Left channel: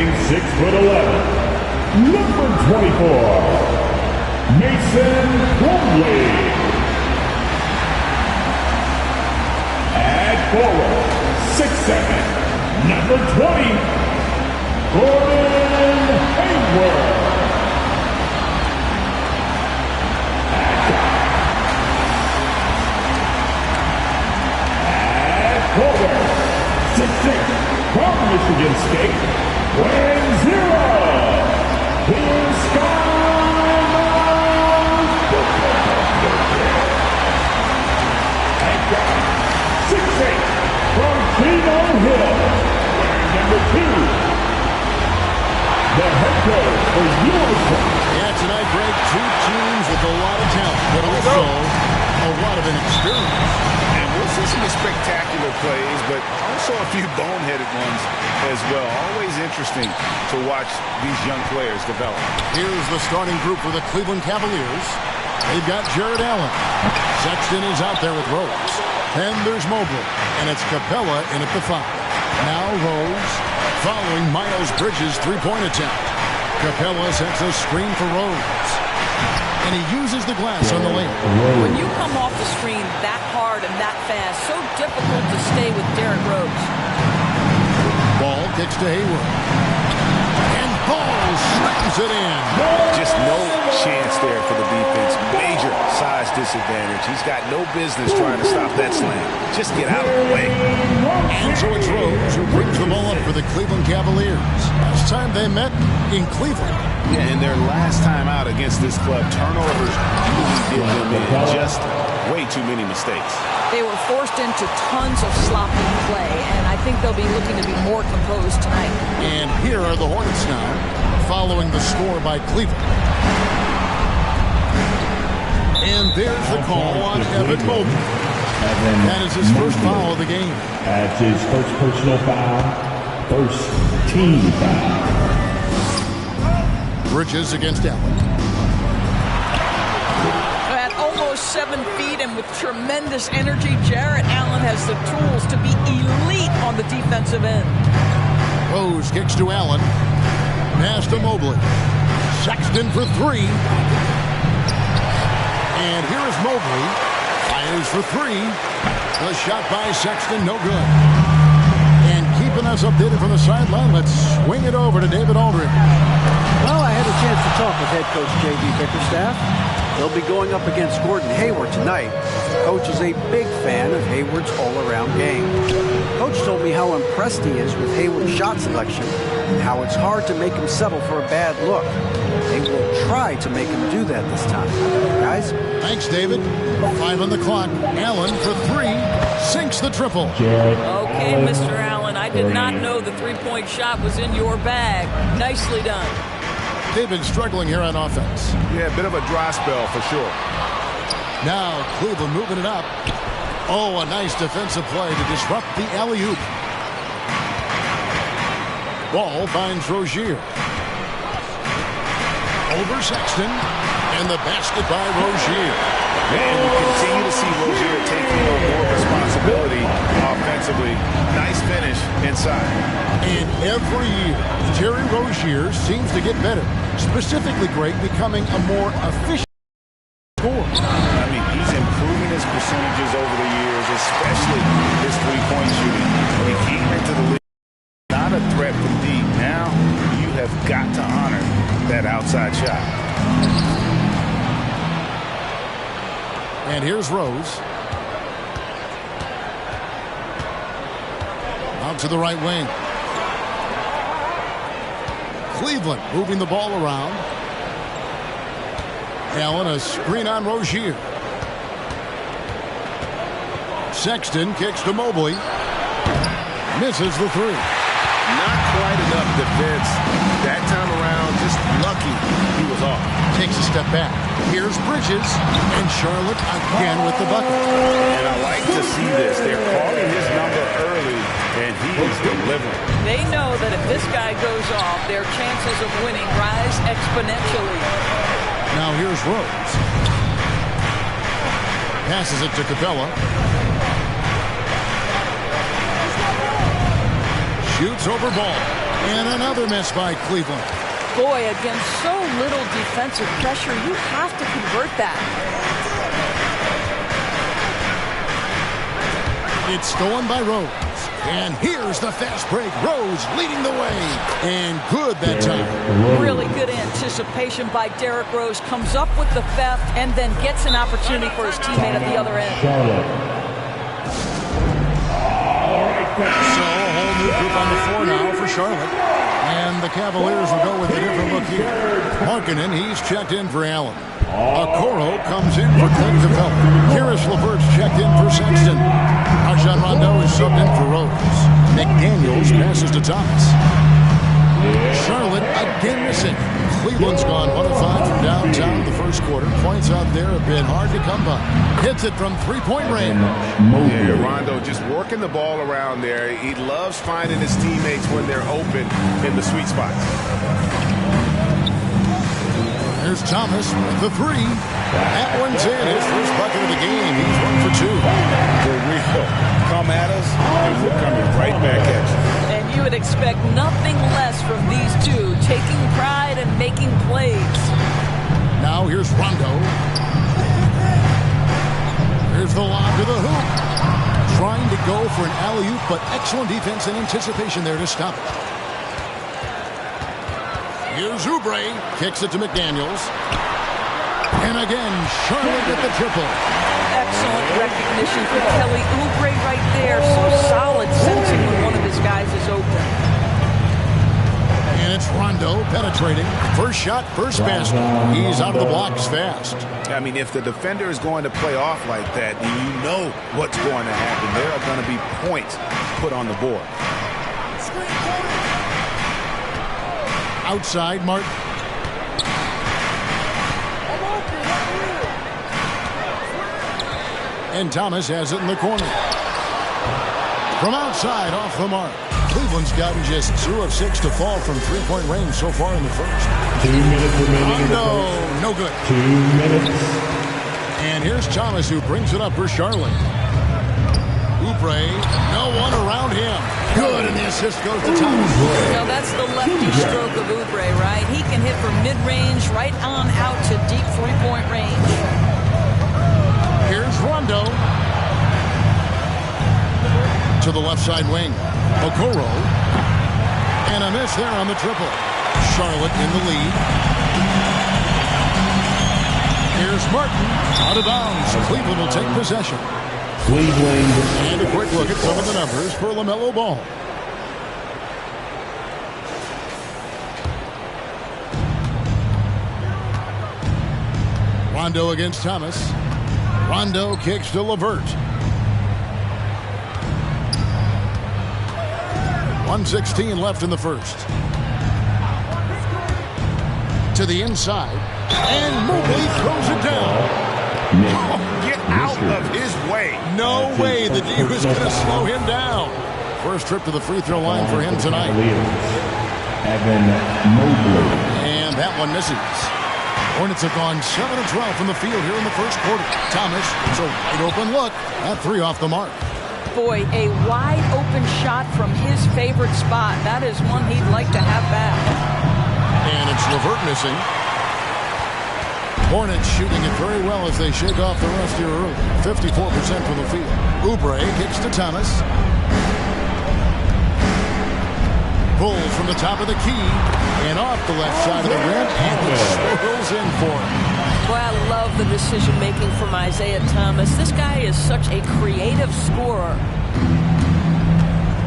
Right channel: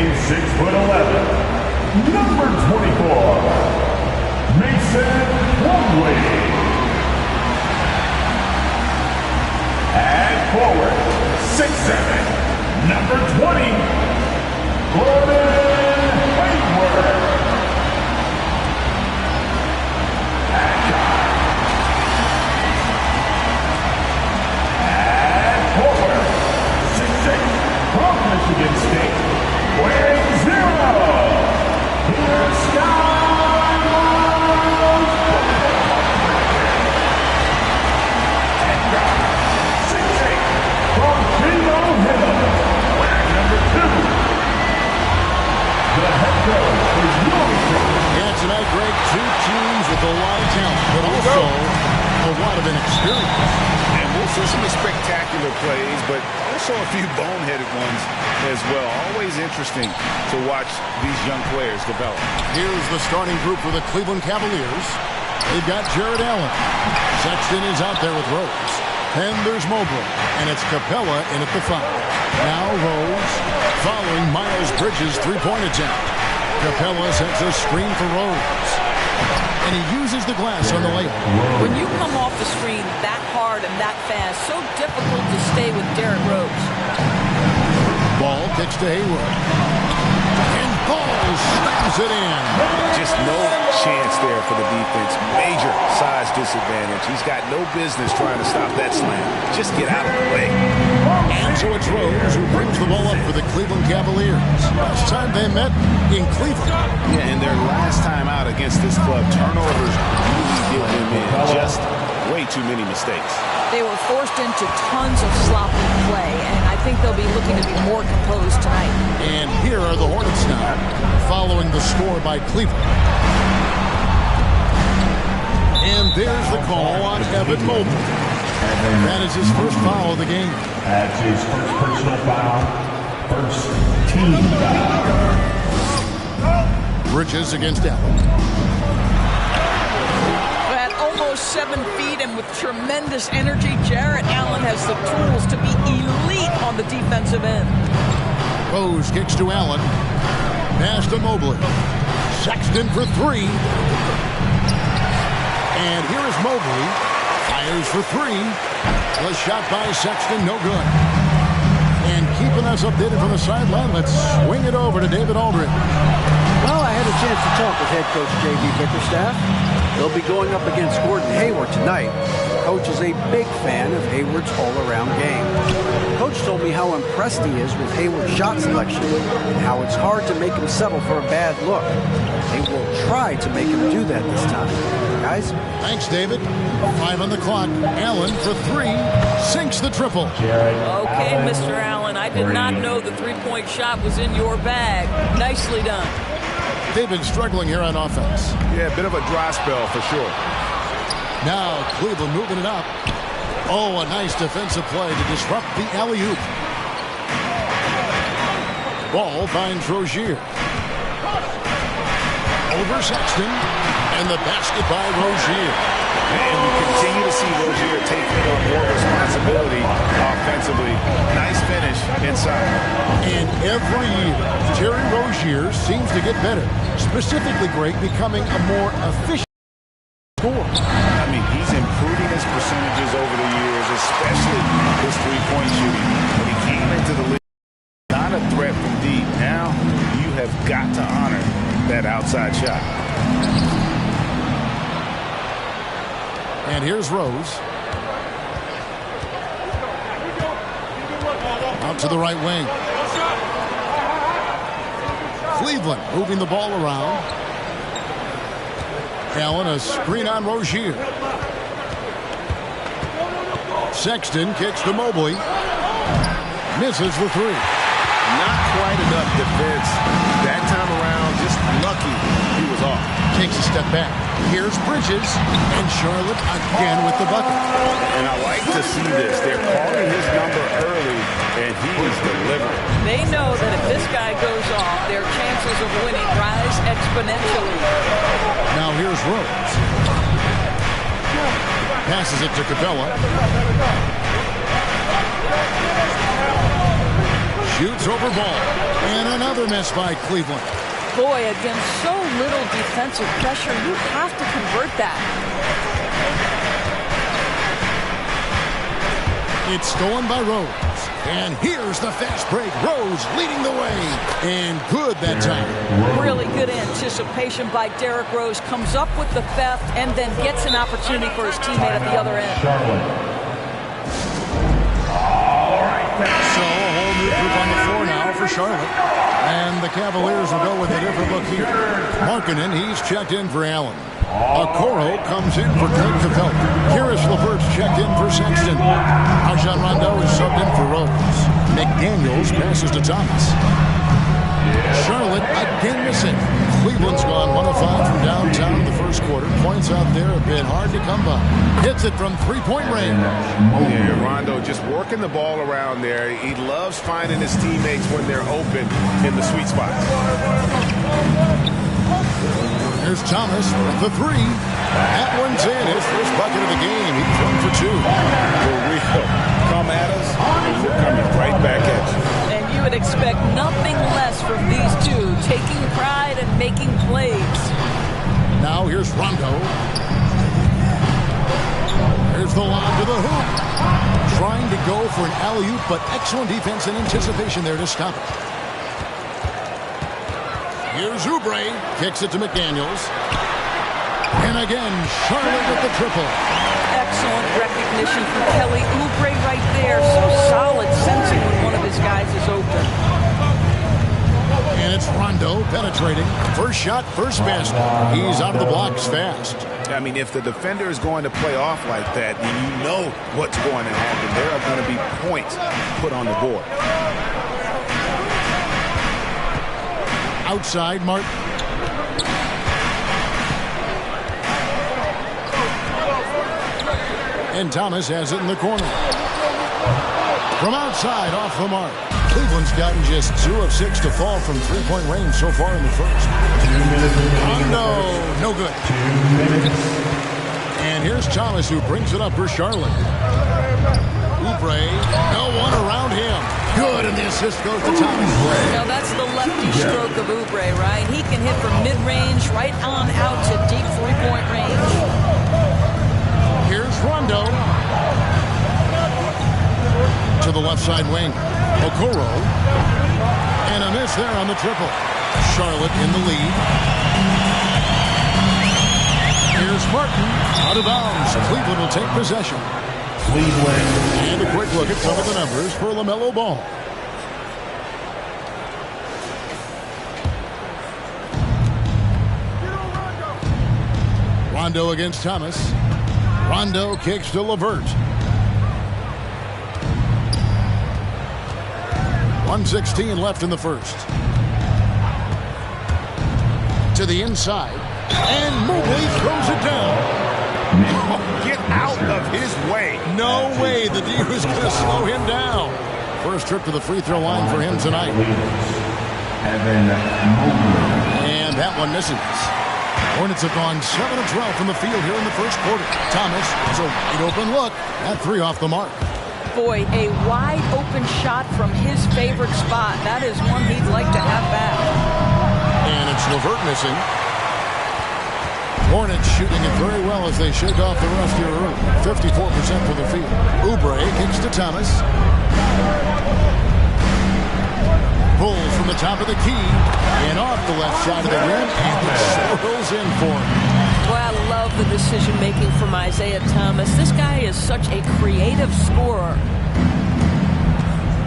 Standing 6'11", number 24, Mason Plumlee. At forward, 6'7", number 20, Gordon Hayward. At guard, at forward, 6'6", from Michigan State, weighing 0. Here's Skylar's at guard, 6'8", from Chino Hill, wearing number 2. The head coach for USA. Yeah, tonight, Greg, two teams with a lot of talent, but also a lot of inexperience. And we'll see some spectacular plays, but also a few boneheaded ones as well. Always interesting to watch these young players develop. Here's the starting group for the Cleveland Cavaliers. They've got Jarrett Allen. Sexton is out there with Rose. Then there's Mobley, and it's Capella in at the 5. Now Rose, following Miles Bridges' three-point attempt. Capella sets a screen for Rose. And he uses the glass on the layup. When you come off the screen that hard and that fast, so difficult to stay with Derrick Rose. Ball kicks to Hayward. And Ball slams it in. Just no chance there for the defense. Major size disadvantage. He's got no business trying to stop that slam. Just get out of the way. And so it's Rose who brings the ball up for the Cleveland Cavaliers. Last time they met in Cleveland. Yeah, and their last time out against this club, turnovers really did them in. Just way too many mistakes. They were forced into tons of sloppy play, and I think they'll be looking to be more composed tonight. And here are the Hornets now, following the score by Cleveland. And there's the call on Evan Mobley. That is his first foul of the game. That's his first personal foul, first team foul. Bridges against Allen. At almost 7 feet and with tremendous energy, Jarrett Allen has the tools to be elite on the defensive end. Rose kicks to Allen. Pass to Mobley. Sexton for 3. And here is Mobley. Fires for 3. The shot by Sexton, no good. And keeping us updated from the sideline, let's swing it over to David Aldridge. Well, I had a chance to talk with head coach J.B. Bickerstaff. They'll be going up against Gordon Hayward tonight. Coach is a big fan of Hayward's all-around game. Coach told me how impressed he is with Hayward's shot selection and how it's hard to make him settle for a bad look. They will try to make him do that this time. Guys? Thanks, David. 5 on the clock. Allen for 3. Sinks the triple. Okay, Mr. Allen. I did not know the three-point shot was in your bag. Nicely done. They've been struggling here on offense. Yeah, a bit of a dry spell for sure. Now Cleveland moving it up. Oh, a nice defensive play to disrupt the alley-oop. Ball finds Rozier. Over Sexton. And the basket by Rozier. And we continue to see Rozier taking on more responsibility offensively. Nice finish inside. And every year, Terry Rozier seems to get better. Specifically, Greg, becoming a more efficient scorer. I mean, he's improving his percentages over the years, especially his three-point shooting. When he came into the league, not a threat from deep. Now, you have got to honor that outside shot. And here's Rose. Out to the right wing. Cleveland moving the ball around. Allen, a screen on Rozier. Sexton kicks to Mobley. Misses the 3. Not quite enough defense that time around. Just lucky he was off. Takes a step back. Here's Bridges. And Charlotte again with the bucket. And I like to see this. They're calling his number early, and he is delivering. They know that if this guy goes off, their chances of winning rise exponentially. Now here's Rose. Passes it to Capella. Shoots over ball. And another miss by Cleveland. Boy, against so little defensive pressure, you have to convert that. It's stolen by Rose. And here's the fast break. Rose leading the way. And good that time. Really good anticipation by Derrick Rose. Comes up with the theft and then gets an opportunity for his teammate at the other end. Charlotte. So a whole new group on the floor now for Charlotte. And the Cavaliers will go with a different look here. Markkanen, he's checked in for Allen. Okoro comes in for Clint Capella. Karis LeVert's checked in for Sexton. Rajon Rondo is subbed in for Rose. McDaniels passes to Thomas. Charlotte again missing. Cleveland's gone 1 of 5 from downtown in the first quarter. Points out there have been hard to come by. Hits it from three-point range. Yeah, Rondo just working the ball around there. He loves finding his teammates when they're open in the sweet spots. There's Thomas with the three. That one's in. His first bucket of the game. He's 1 for 2. For real. Come at us, and we're coming right back at you. And you would expect nothing less from these two, taking pride and making plays. Now here's Rondo. There's the lob to the hoop. Trying to go for an alley-oop, but excellent defense and anticipation there to stop it. Here's Oubre. Kicks it to McDaniels. And again, Charlotte with the triple. Excellent recognition from Kelly Oubre right there. So solid, sensing when one of his guys is open. And it's Rondo penetrating. First shot, first basket. He's out of the blocks fast. I mean, if the defender is going to play off like that, then you know what's going to happen. There are going to be points put on the board. Outside, Martin. And Thomas has it in the corner. From outside, off the mark. Cleveland's gotten just 2 of 6 to fall from three-point range so far in the first. 2 minutes remaining in the Rondo, first. no good. 2 minutes. And here's Thomas who brings it up for Charlotte. Oubre, no one around him. Good, and the assist goes to Thomas. Now that's the lefty stroke of Oubre, right? He can hit from mid-range right on out to deep three-point range. Here's Rondo. To the left side wing. Okoro. And a miss there on the triple. Charlotte in the lead. Here's Martin. Out of bounds. Cleveland will take possession. Cleveland. And a quick look at some of the numbers for LaMelo Ball. Rondo against Thomas. Rondo kicks to LeVert. 1:16 left in the first. To the inside. And Mobley throws it down. Get out of his way. No way the D was going to slow him down. First trip to the free throw line for him tonight. Evan Mobley. And that one misses. Hornets have gone 7 of 12 from the field here in the first quarter. Thomas, it's a wide open look. That 3 off the mark. Boy, a wide open shot from his favorite spot. That is one he'd like to have back. And it's LeVert missing. Hornets shooting it very well as they shake off the rust here early. 54% from the field. Oubre kicks to Thomas. Pulls from the top of the key and off the left side of the rim, and it swirls in for him. Boy, I love the decision-making from Isaiah Thomas. This guy is such a creative scorer.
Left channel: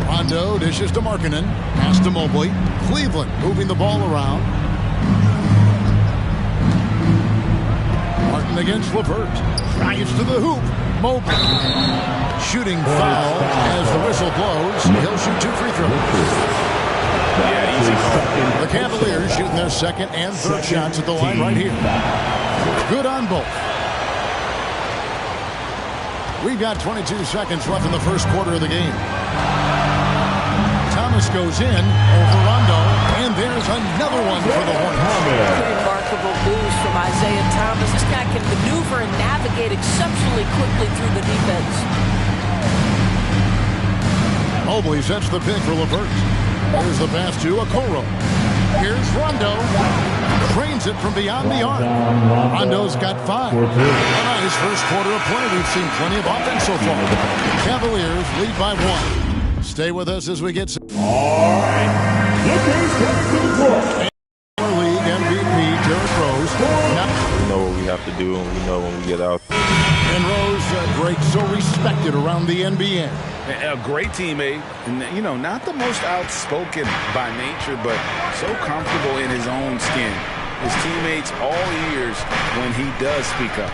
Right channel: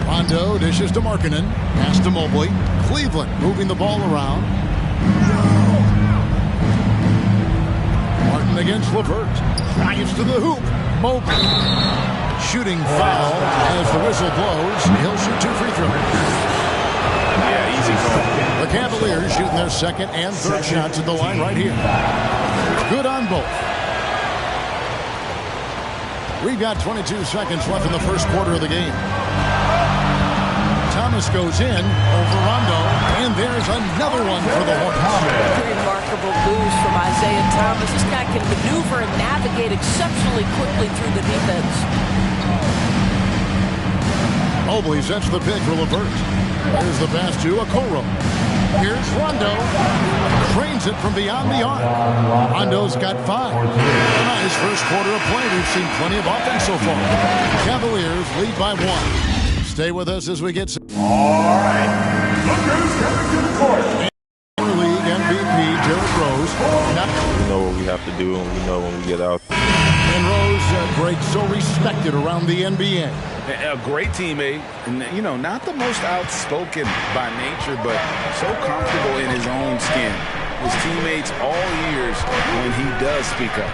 Rondo dishes to Markkanen. Pass to Mobley. Cleveland moving the ball around. Martin against LeVert. Drives to the hoop. Mobley. Shooting foul as the whistle blows. He'll shoot 2 free throws. Yeah, easy call. The Cavaliers shooting their second and third shots at the line right here. Good on both. We've got 22 seconds left in the first quarter of the game. Thomas goes in over Rondo, and there's another one for the Hornets. Remarkable moves from Isaiah Thomas. This guy can maneuver and navigate exceptionally quickly through the defense. Mobley sets the pick for LeVert. Here's the pass to Okoro. Here's Rondo. Trains it from beyond the arc. Rondo's got 5. A nice first quarter of play. We've seen plenty of offense so far. Cavaliers lead by 1. Stay with us as we get... All right. Look who's coming to the court. League MVP, Derrick Rose. We know what we have to do, and we know when we get out. And Rose, Greg, so respected around the NBA. A great teammate, and not the most outspoken by nature, but so comfortable in his own skin. His teammates all ears when he does speak up.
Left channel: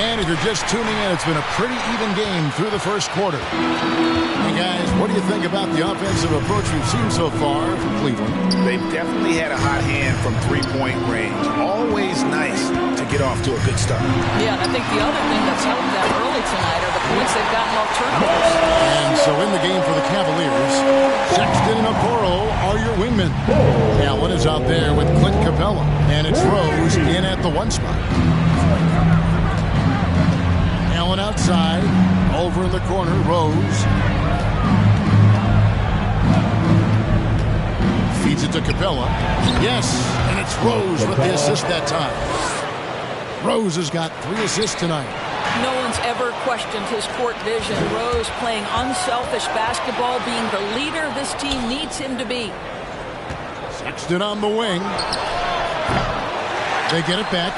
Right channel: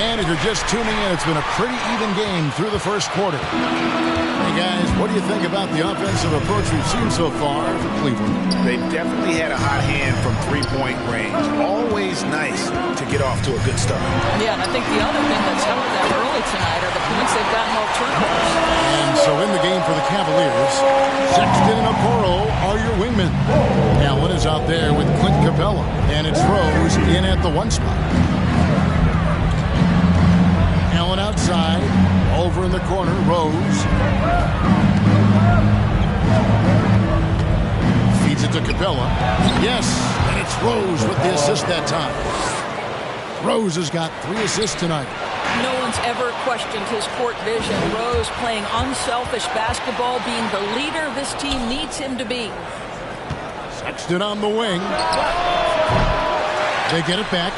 And if you're just tuning in, it's been a pretty even game through the first quarter. Hey guys, what do you think about the offensive approach we've seen so far for Cleveland? They've definitely had a hot hand from three-point range. Always nice to get off to a good start. Yeah, and I think the other thing that's helped them early tonight are the points they've gotten off turnovers. And so in the game for the Cavaliers, Sexton and Okoro are your wingmen. Allen is out there with Clint Capella, and it's Rose in at the 1 spot. Allen outside, over in the corner, Rose. Feeds it to Capella. Yes, and it's Rose with the assist that time. Rose has got 3 assists tonight. No one's ever questioned his court vision. Rose playing unselfish basketball, being the leader this team needs him to be. Sexton on the wing. They get it back.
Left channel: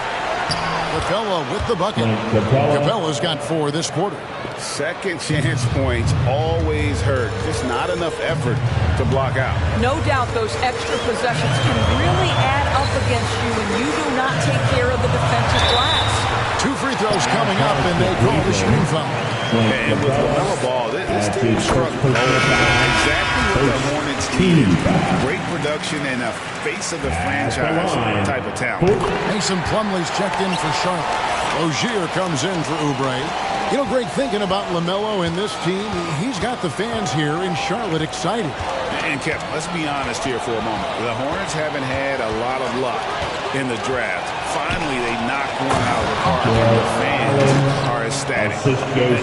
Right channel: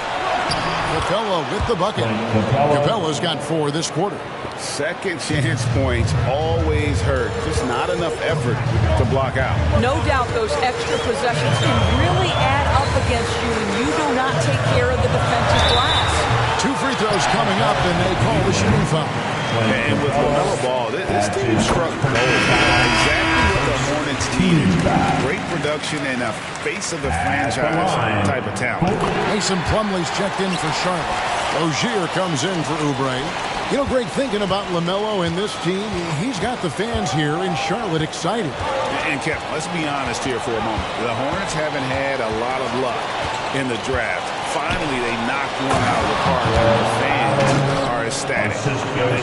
Capella with the bucket. Capella's got 4 this quarter. Second chance points always hurt. Just not enough effort to block out. No doubt those extra possessions can really add up against you when you do not take care of the defensive glass. 2 free throws coming up, and they call the shooting foul. And with LaMelo Ball, this team struck gold. Exactly what the Hornets needed. Great production and a face of the franchise type of talent. Mason Plumlee's checked in for Charlotte. Rozier comes in for Oubre. You know, Greg, thinking about LaMelo and this team, he's got the fans here in Charlotte excited. And Kevin, let's be honest here for a moment. The Hornets haven't had a lot of luck in the draft. Finally, they knocked one out of the park, and the fans are ecstatic.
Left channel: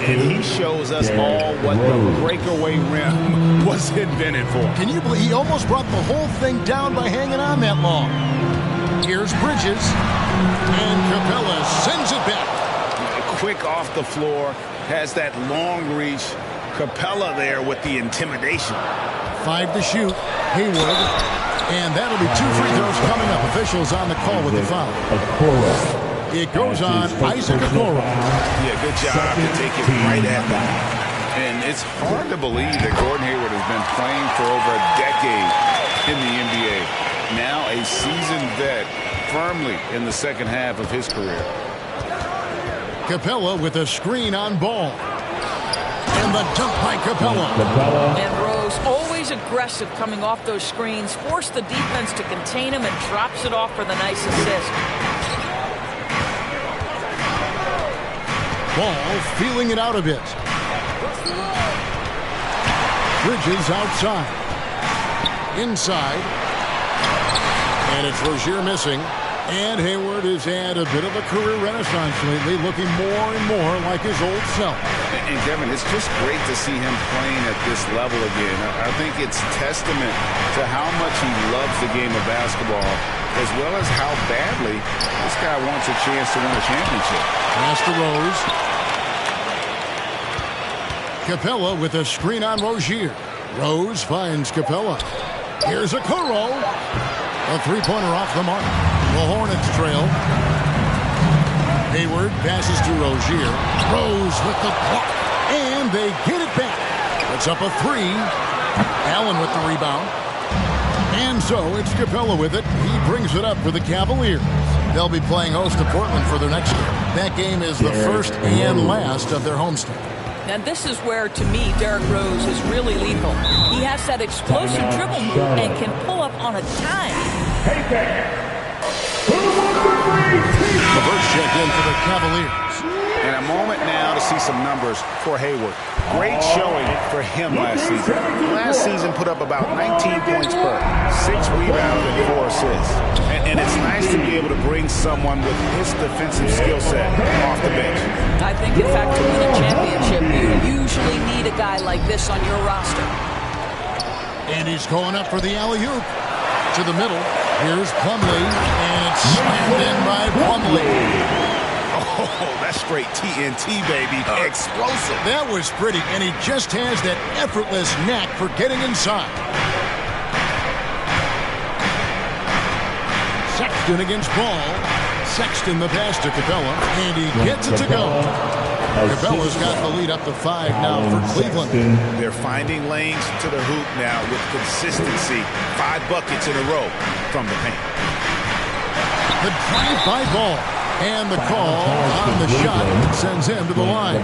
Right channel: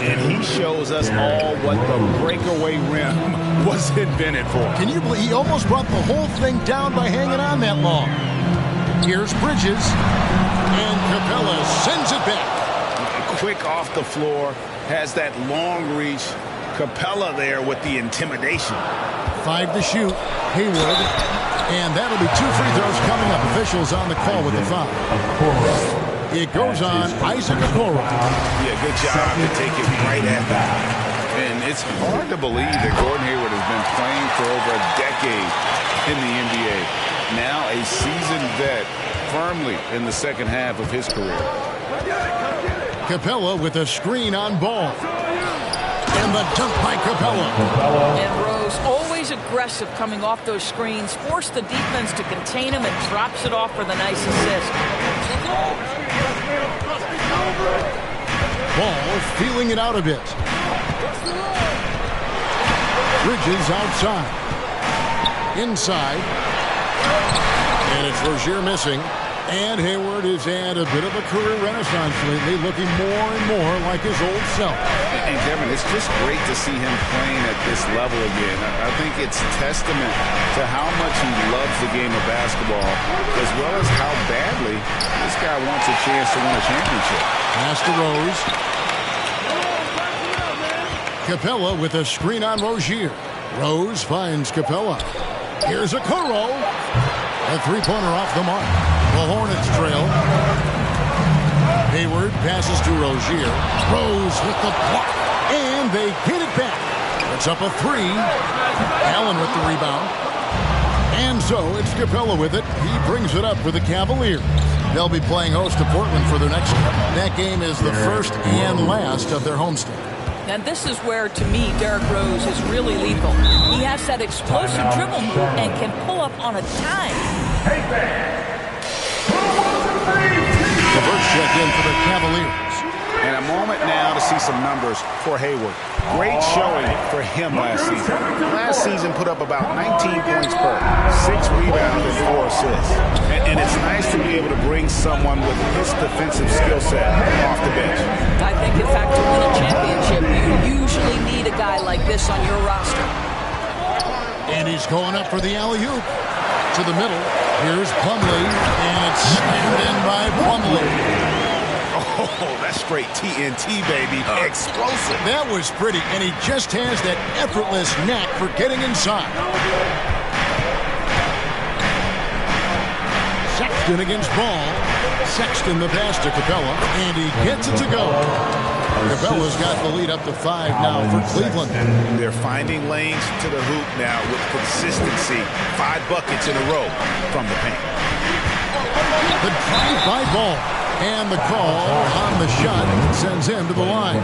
And he shows us all what the breakaway rim was invented for. Can you believe he almost brought the whole thing down by hanging on that long? Here's Bridges, and Capella sends it back. Quick off the floor, has that long reach. Capella there with the intimidation. 5 to shoot. Hayward. And that'll be 2 free throws coming up. Officials on the call with the foul. It goes on Isaac Okoro. Yeah, good job to take it right at them. And it's hard to believe that Gordon Hayward has been playing for over a decade in the NBA. Now a seasoned vet, firmly in the second half of his career. Capella with a screen on Ball. And the dunk by Capella. And Rose, always aggressive coming off those screens, forced the defense to contain him and drops it off for the nice assist. Ball feeling it out a bit. Bridges outside. Inside. And it's Rozier missing. And Hayward has had a bit of a career renaissance lately, looking more and more like his old self. And Kevin, it's just great to see him playing at this level again. I think it's testament to how much he loves the game of basketball, as well as how badly this guy wants a chance to win a championship. Pass to Rose. Capella with a screen on Rozier. Rose finds Capella. Here's Okoro. A 3-pointer off the mark. The Hornets trail. Hayward passes to Rozier. Rose with the block. And they get it back. It's up a 3. Allen with the rebound. And so it's Capella with it. He brings it up for the Cavaliers. They'll be playing host to Portland for their next game. That game is the first and last of their homestand. And this is where, to me, Derrick Rose is really lethal. He has that explosive dribble move and can pull up on a dime. Hey, fans. Who wants a free t-shirt? Reverse check in for the Cavaliers. And a moment now to see some numbers for Hayward. Great showing for him last season. Last season put up about 19 points per, 6 rebounds and 4 assists. And it's nice to be able to bring someone with his defensive skill set off the bench. I think, in fact, to win a championship, you usually need a guy like this on your roster. And he's going up for the alley-oop. To the middle. Here's Plumlee, and it's slammed in by Plumlee. Oh, that's straight TNT, baby. Explosive. That was pretty, and he just has that effortless knack for getting inside. Sexton against Ball. Sexton the pass to Capella, and he gets it to go. Capella's got the lead up to 5 now for Cleveland. They're finding lanes to the hoop now with consistency. 5 buckets in a row from the paint. The drive by Ball. And the call on the shot sends him to the line.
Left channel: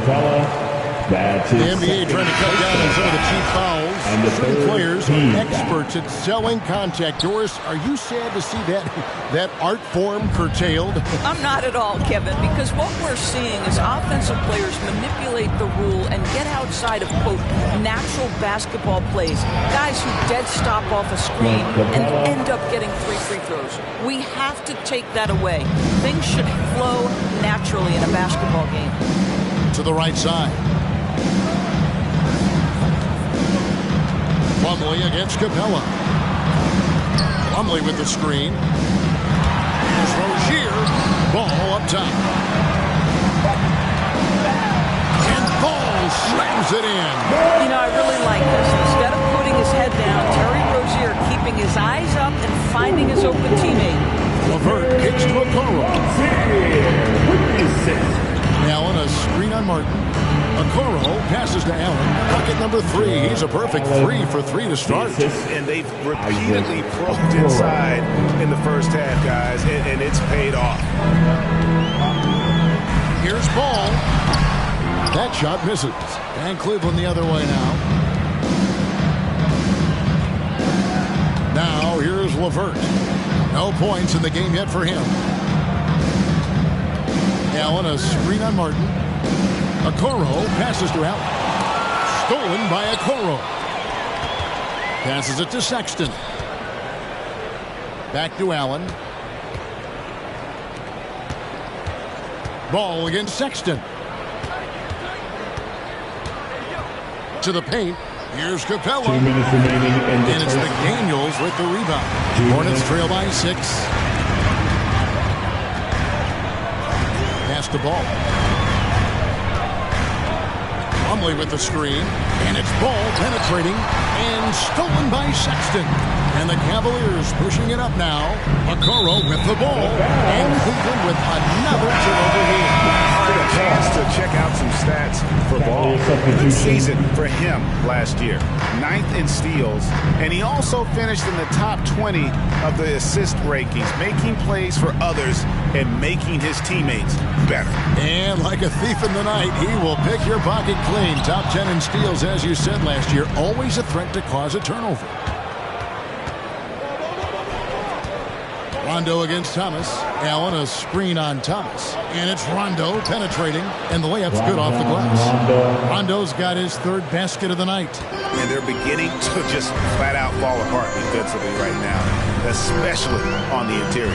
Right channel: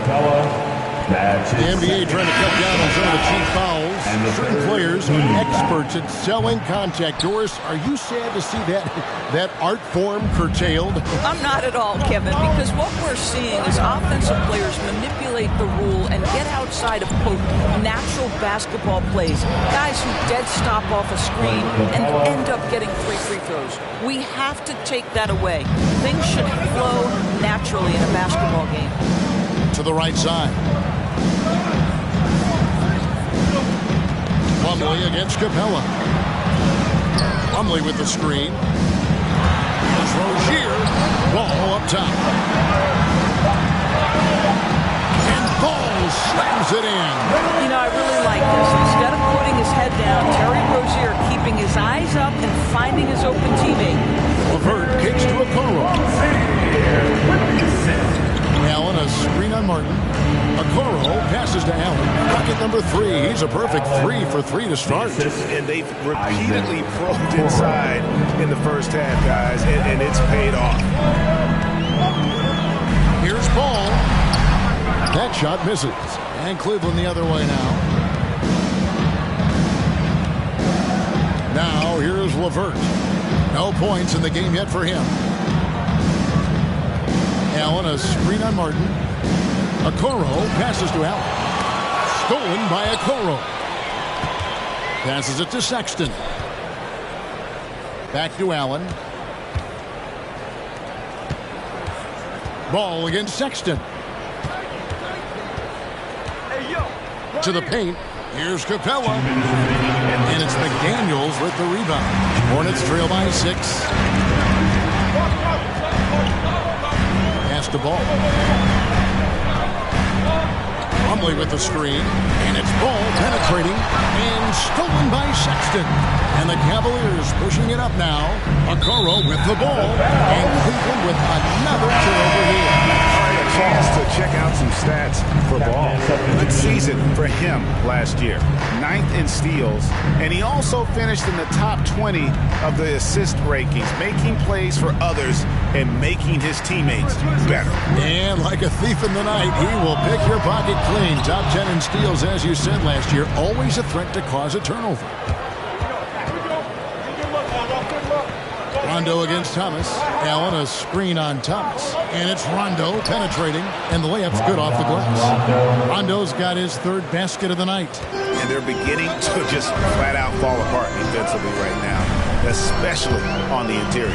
The NBA trying to cut down on some of the cheap fouls. Certain players are experts at selling contact. Doris, are you sad to see that art form curtailed? I'm not at all, Kevin, because what we're seeing is offensive players manipulate the rule and get outside of, quote, natural basketball plays. Guys who dead stop off a screen and end up getting 3 free throws. We have to take that away. Things should flow naturally in a basketball game. To the right side. Plumlee against Capella. Plumlee with the screen. Here's Rozier. Ball up top. And Ball slams it in. You know, I really like this. Instead of putting his head down, Terry Rozier keeping his eyes up and finding his open teammate. LeVert kicks to Okoro. Allen, a screen on Martin. Okoro passes to Allen. Bucket number 3. He's a perfect 3 for 3 to start. And they've repeatedly probed inside in the first half, guys, and it's paid off. Here's Ball. That shot misses. And Cleveland the other way now. Now here's LeVert. No points in the game yet for him. Allen, a screen on Martin. Okoro passes to Allen. Stolen by Okoro. Passes it to Sexton. Back to Allen. Ball against Sexton. To the paint. Here's Capella. And it's McDaniels with the rebound. Hornets trail by 6. Pass the ball. Plumlee with the screen. And it's Ball penetrating. And stolen by Sexton. And the Cavaliers pushing it up now. Okoro with the ball. And Cleveland with another turnover here. A chance to check out some stats for Ball. Good season for him last year. 9th in steals, and he also finished in the top 20 of the assist rankings, making plays for others and making his teammates better. And like a thief in the night, he will pick your pocket clean. Top 10 in steals, as you said last year, always a threat to cause a turnover. Rondo against Thomas. Allen, a screen on Thomas. And it's Rondo penetrating, and the layup's good off the glass. Rondo's got his 3rd basket of the night. And they're beginning to just flat out fall apart defensively right now, especially on the interior.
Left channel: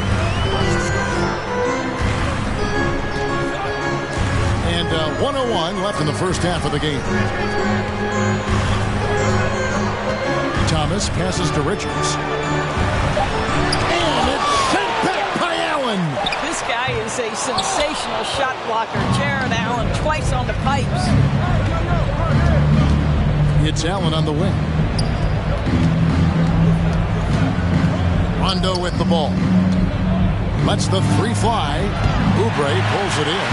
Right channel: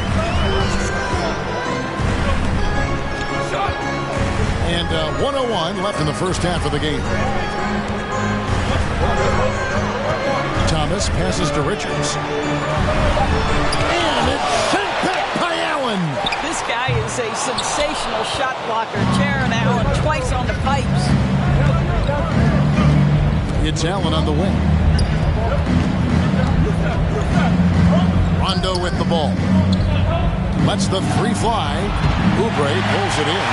And 1:01 left in the first half of the game. Thomas passes to Richards. And it's sent back by Allen. This guy is a sensational shot blocker. Jaron Allen twice on the pipes. It's Allen on the wing. Rondo with the ball. Lets the 3 fly. Oubre pulls it in.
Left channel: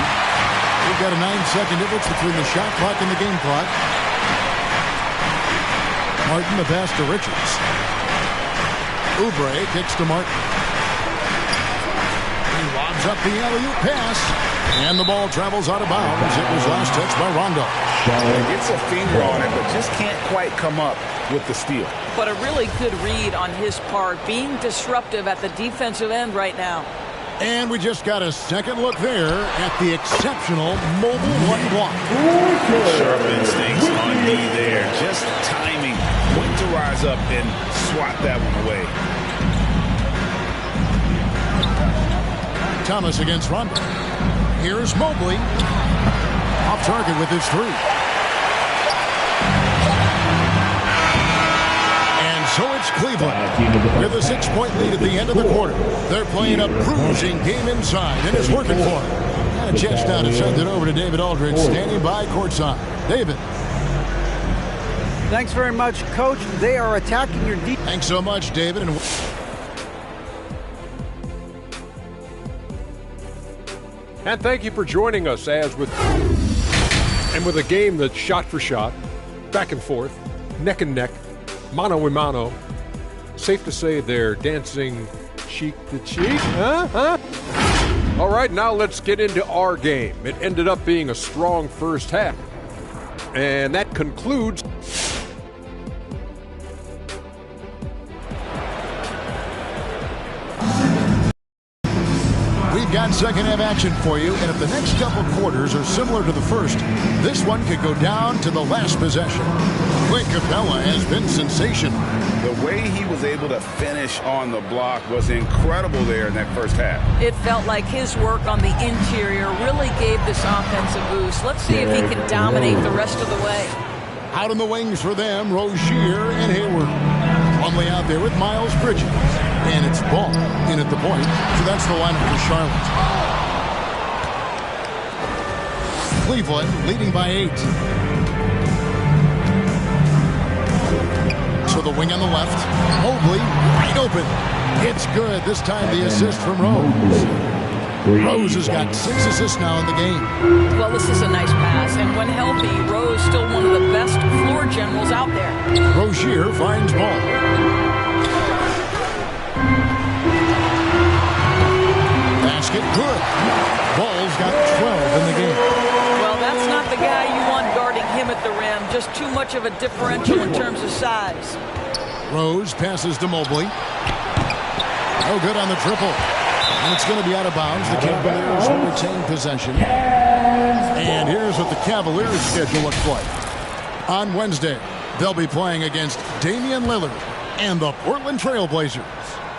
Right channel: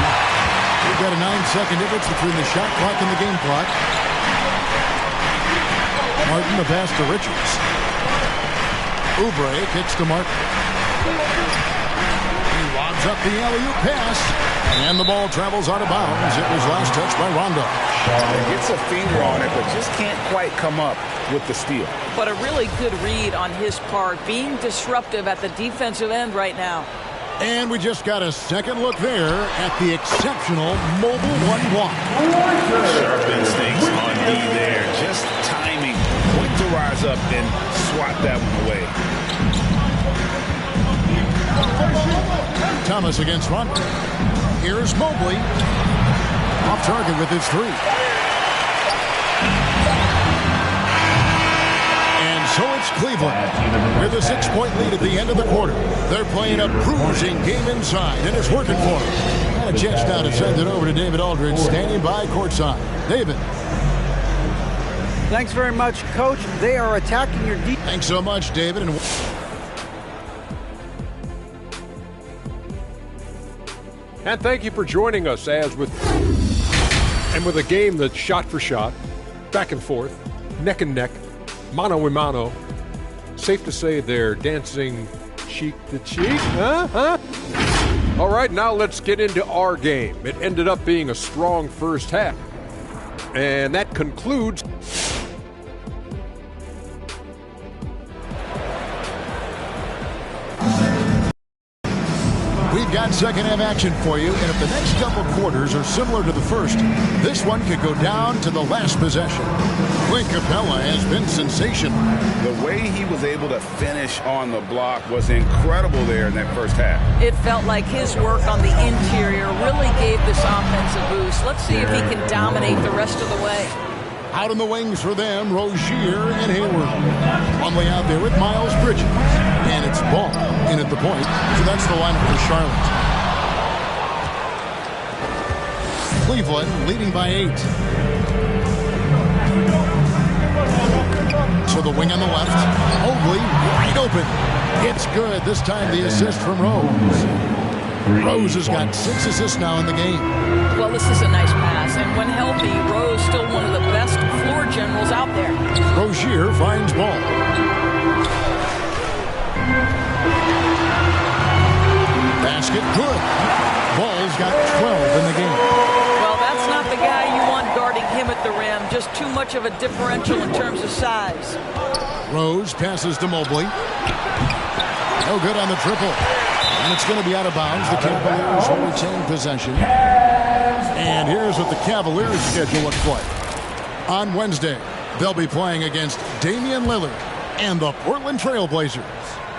We've got a 9-second difference between the shot clock and the game clock. Martin the pass to Richards. Oubre kicks to Martin. He lobs up the alley-oop pass. And the ball travels out of bounds. It was last touched by Rondo. Gets a finger on it, but just can't quite come up with the steal. But a really good read on his part, being disruptive at the defensive end right now. And we just got a second look there at the exceptional mobile one block. Sharp instincts on D there. Just timing. When to rise up and swat that one away. Thomas against Rondo. Here's Mobley. Off target with his three. And so it's Cleveland with a 6-point lead at the end of the quarter. They're playing a bruising game inside, and it's working for them. Got a chance now to send it over to David Aldridge, standing by courtside. David. Thanks very much, Coach. They are attacking your defense. Thanks so much, David. And thank you for joining us with a game that's shot for shot, back and forth, neck and neck, mano a mano. Safe to say they're dancing cheek to cheek, huh? All right, now let's get into our game. It ended up being a strong first half. And that concludes. We've got second half action for you, and if the next couple quarters are similar to the first, this one could go down to the last possession. Clint Capella has been sensational. The way he was able to finish on the block was incredible there in that first half. It felt like his work on the interior really gave this offense a boost. Let's see if he can dominate the rest of the way. Out in the wings for them, Rozier and Hayward. Plumlee out there with Miles Bridges. And it's Ball in at the point. So that's the lineup for Charlotte. Cleveland leading by 8. So the wing on the left. Mobley wide open. It's good. This time the assist from Rose. Rose has got 6 assists now in the game. Well, this is a nice pass. And when healthy, Rose still one of the best floor generals out there. Rozier finds Ball. Basket good. Ball's got 12 in the game. Well, that's not the guy you want guarding him at the rim. Just too much of a differential in terms of size. Rose passes to Mobley. No good on the triple. And it's going to be out of bounds. The Cavaliers will retain possession. And here's what the Cavaliers' schedule looks like. On Wednesday, they'll be playing against Damian Lillard and the Portland Trail Blazers.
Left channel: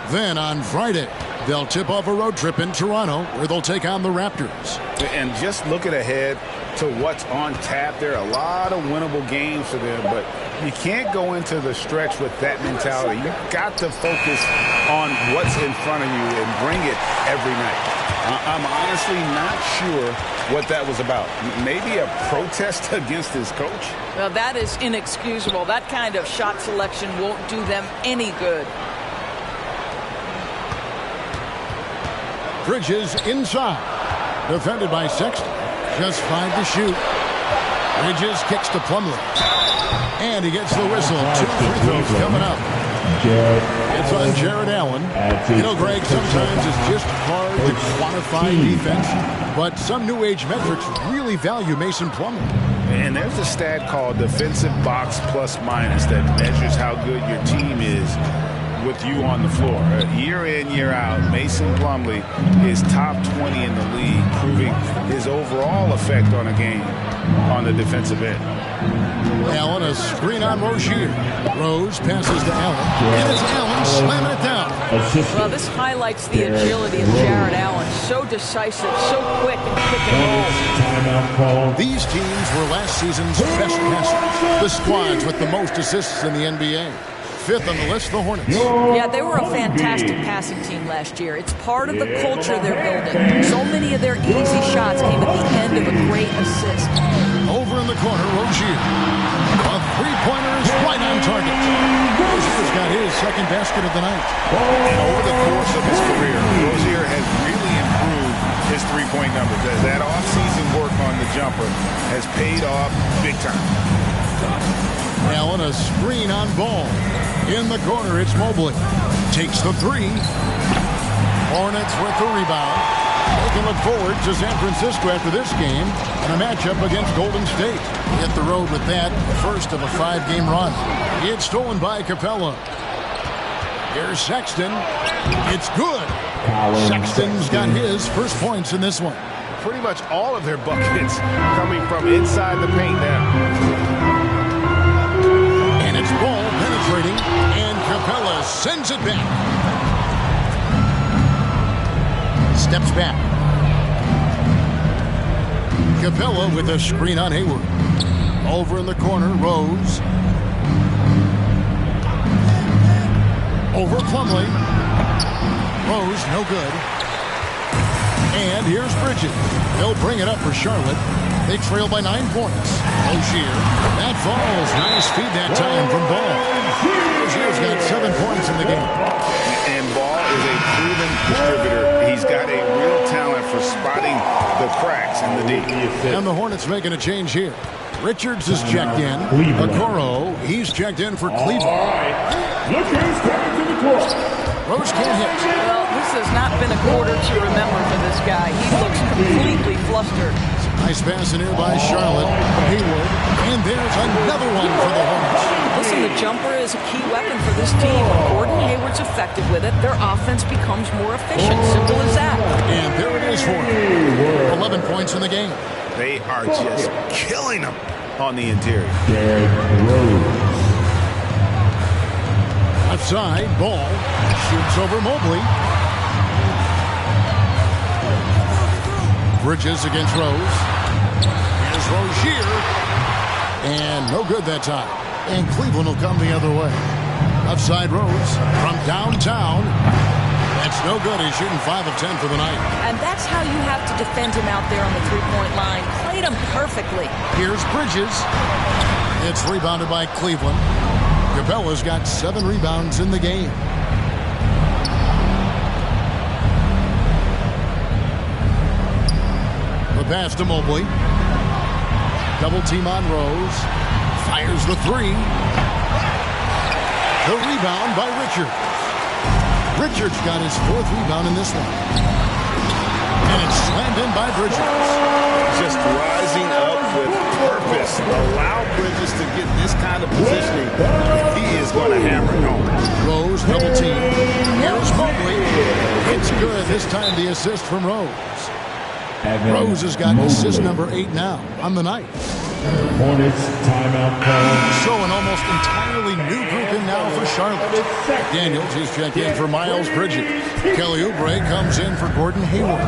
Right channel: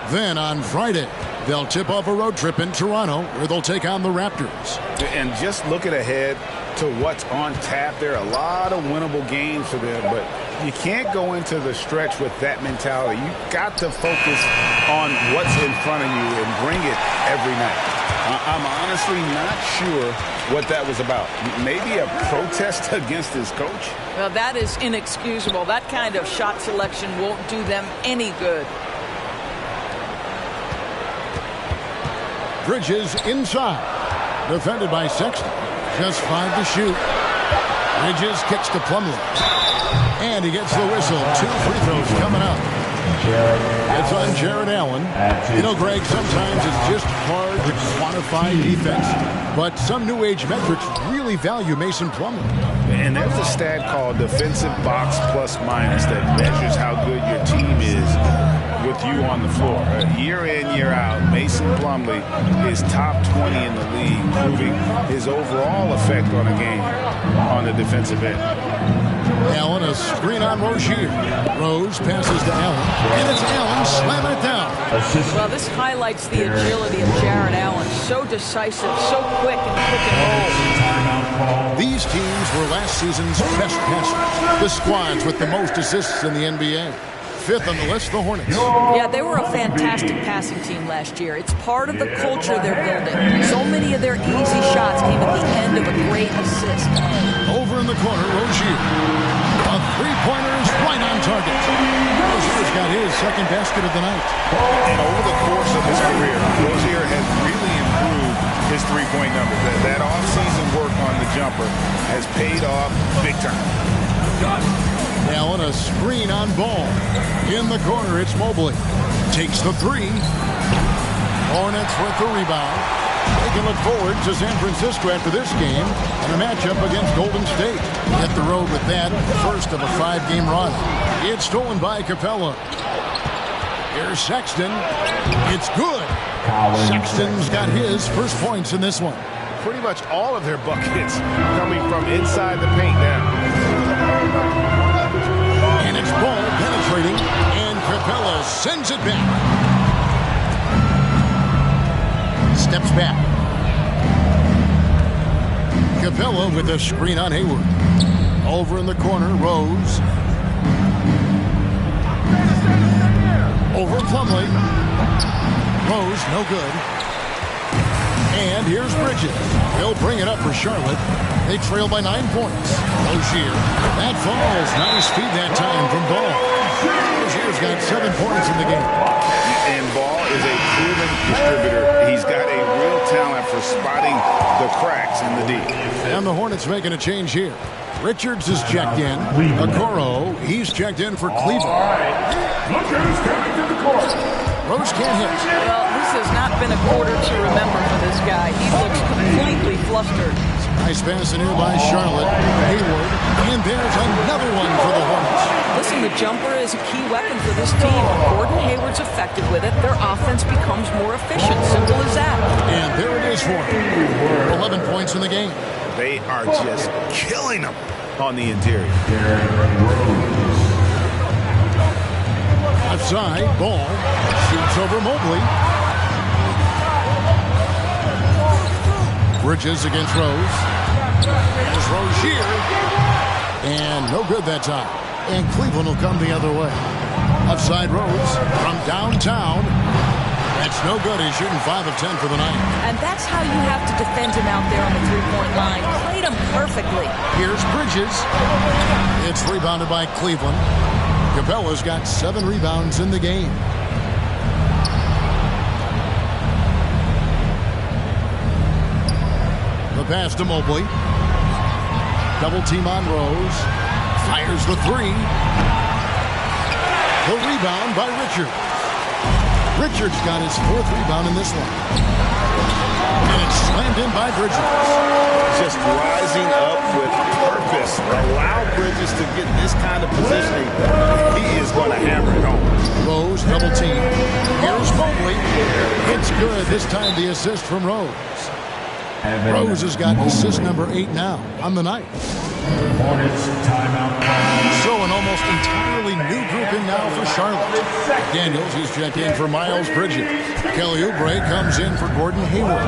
Then on Friday, they'll tip off a road trip in Toronto where they'll take on the Raptors. And just looking ahead to what's on tap, there are a lot of winnable games for them, but you can't go into the stretch with that mentality. You've got to focus on what's in front of you and bring it every night. I'm honestly not sure what that was about. Maybe a protest against his coach? Well, that is inexcusable. That kind of shot selection won't do them any good. Bridges inside. Defended by Sexton. Just 5 to shoot. Bridges kicks to Plumlee. And he gets the whistle. 2 free throws coming up. It's on Jared Allen. You know, Greg, sometimes it's just hard to quantify defense, but some new age metrics really value Mason Plumlee. And there's a stat called defensive box plus minus that measures how good your team is with you on the floor. Year in, year out, Mason Plumlee is top 20 in the league, proving his overall effect on a game on the defensive end. Allen, a screen on Rozier. Rose passes to Allen, and it's Allen slamming it down. Well, this highlights the agility of Jared Allen. So decisive, so quick in the pick and roll. These teams were last season's best passers. The squads with the most assists in the NBA. 5th on the list, the Hornets. Yeah, they were a fantastic passing team last year. It's part of the culture they're building. So many of their easy shots came at the end of a great assist. Over in the corner, Rozier. A three-pointer is right on target. Rozier's got his second basket of the night. And over the course of his career, Rozier has really improved his three-point numbers. That off-season work on the jumper has paid off big time. Allen, a screen on Ball. In the corner, it's Mobley. Takes the 3. Hornets with the rebound. They can look forward to San Francisco after this game and a matchup against Golden State. Hit the road with that, first of a 5-game run. It's stolen by Capella. Here's Sexton. It's good. Sexton's got his first points in this one. Pretty much all of their buckets coming from inside the paint now. And it's ball penetrating, and Capella sends it back. Steps back. Capella with a screen on Hayward. Over in the corner, Rose. Over Plumlee. Rose, no good. And here's Bridges. They'll bring it up for Charlotte. They trail by 9 points. Rozier. That falls. Nice feed that time from Ball. Rozier's got 7 points in the game. And Ball is a proven distributor. He's got a real talent for spotting the cracks in the D. And the Hornets making a change here. Richards is checked in. Okoro, he's checked in for Cleveland. All right. Look who's coming to the court. Rose can't hit. Well, this has not been a quarter to remember for this guy. He looks completely flustered. Nice pass in here by Charlotte. Hayward. And there's another one for the Hornets. Listen, the jumper is a key weapon for this team. When Gordon Hayward's effective with it, their offense becomes more efficient. Simple as that. And there it is for him. 11 points in the game. They are just killing them on the interior. Derrick Rose. Left side, Ball shoots over Mobley. Bridges against Rose. Here's Rozier. And no good that time. And Cleveland will come the other way. Left side, Rose from downtown. That's no good. He's shooting 5 of 10 for the night. And that's how you have to defend him out there on the three-point line. Played him perfectly. Here's Bridges. It's rebounded by Cleveland. Capella's got 7 rebounds in the game. The pass to Mobley. Double team on Rose. Fires the 3. The rebound by Richards. Richards got his 4th rebound in this one. And it's slammed in by Bridges. Just rising up with purpose. Allow Bridges to get this kind of positioning. He is going to hammer it home. Rose double team. Here's Mobley. It's good. This time the assist from Rose. Rose has got assist number 8 now on the night. Hornets timeout call. So an almost entirely new group in now for Charlotte. Daniels, he's checked in for Miles Bridges. Kelly Oubre comes in for Gordon Hayward.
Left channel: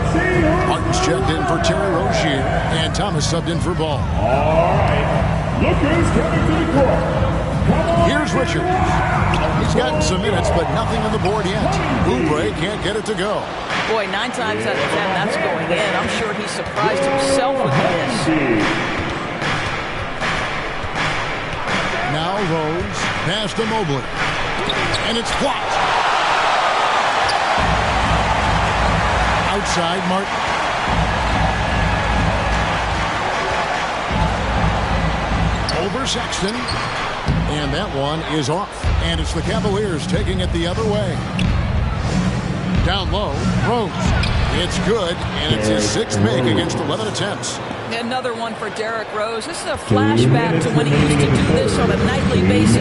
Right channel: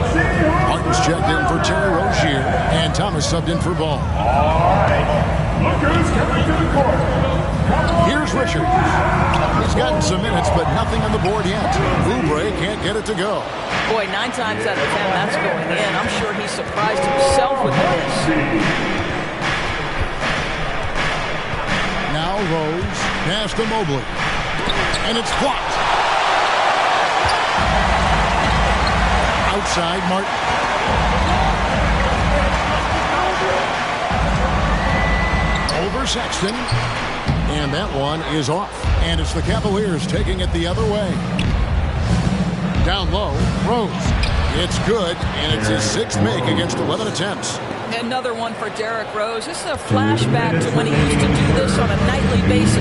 Martin's checked in for Terry Rozier. And Thomas subbed in for Ball. All right. Look who's coming to the court. Here's Richards. He's gotten some minutes, but nothing on the board yet. Oubre can't get it to go. Boy, 9 times out of 10, that's going in. I'm sure he surprised himself with the miss. Now Rose, pass to Mobley. And it's blocked. Outside, Martin. Over Sexton. And that one is off. And it's the Cavaliers taking it the other way. Down low, Rose. It's good, and it's his 6th make against 11 attempts. Another one for Derrick Rose. This is a flashback to when he used to do this on a nightly basis.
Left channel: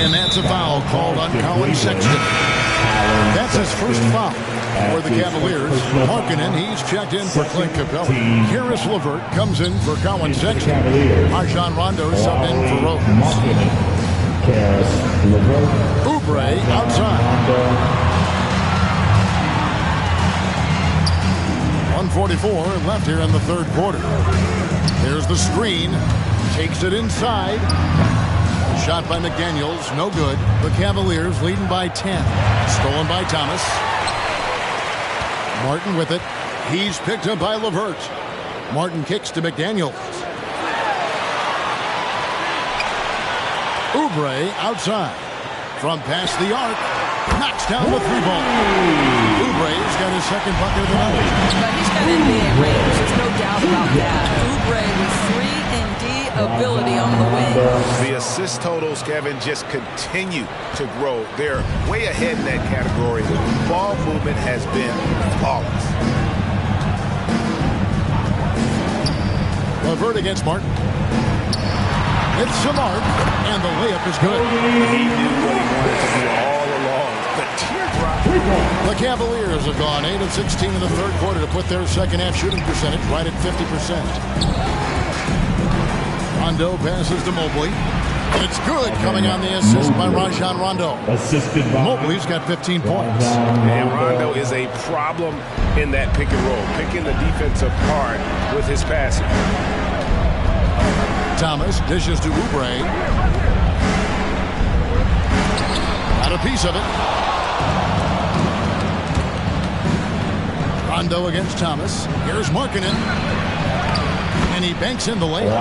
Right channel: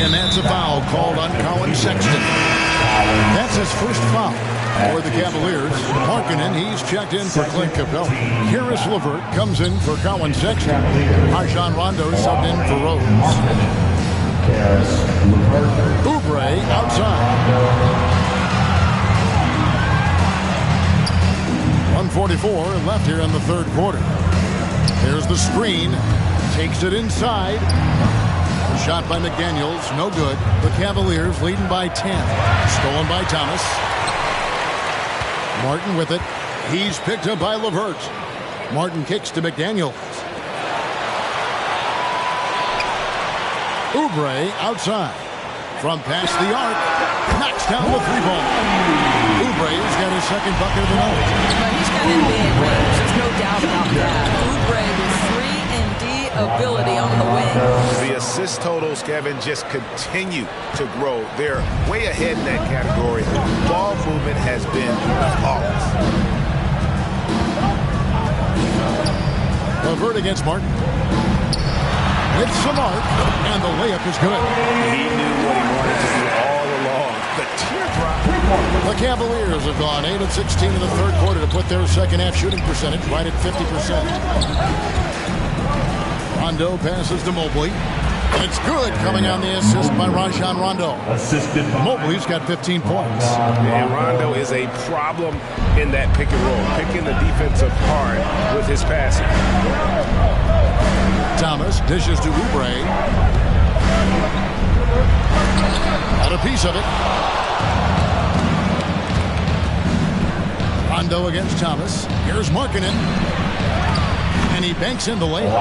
And that's a foul called on Colin Sexton. That's his first foul for the Cavaliers. Markkanen, he's checked in for Clint Capella. Karis LeVert comes in for Colin Sexton. Rajon Rondo subbed in for Rose. Karis LeVert. Oubre outside. 1:44 left here in the 3rd quarter. There's the screen. Takes it inside. Shot by McDaniels. No good. The Cavaliers leading by 10. Stolen by Thomas. Martin with it. He's picked up by LeVert. Martin kicks to McDaniels. Oubre outside. From past the arc. Knocks down the 3-ball. Oubre's got his 2nd bucket of the night. But he's got NBA range. There's no doubt about that. Oubre with 3 and D ability on the wing. The assist totals, Kevin, just continue to grow. They're way ahead in that category. Ball movement has been flawless. LeVert against Martin. with some arc, and the layup is good. He knew what he wanted to do all along. The teardrop. The Cavaliers have gone 8 of 16 in the third quarter to put their second half shooting percentage right at 50%. Rondo passes to Mobley. It's good, coming on the assist by Rajon Rondo. Assisted by Mobley's got 15 points. And Rondo is a problem in that pick and roll, picking the defense apart with his passing. Thomas dishes to Oubre. Got a piece of it. Rondo against Thomas. Here's Markkanen. And he banks in the layup.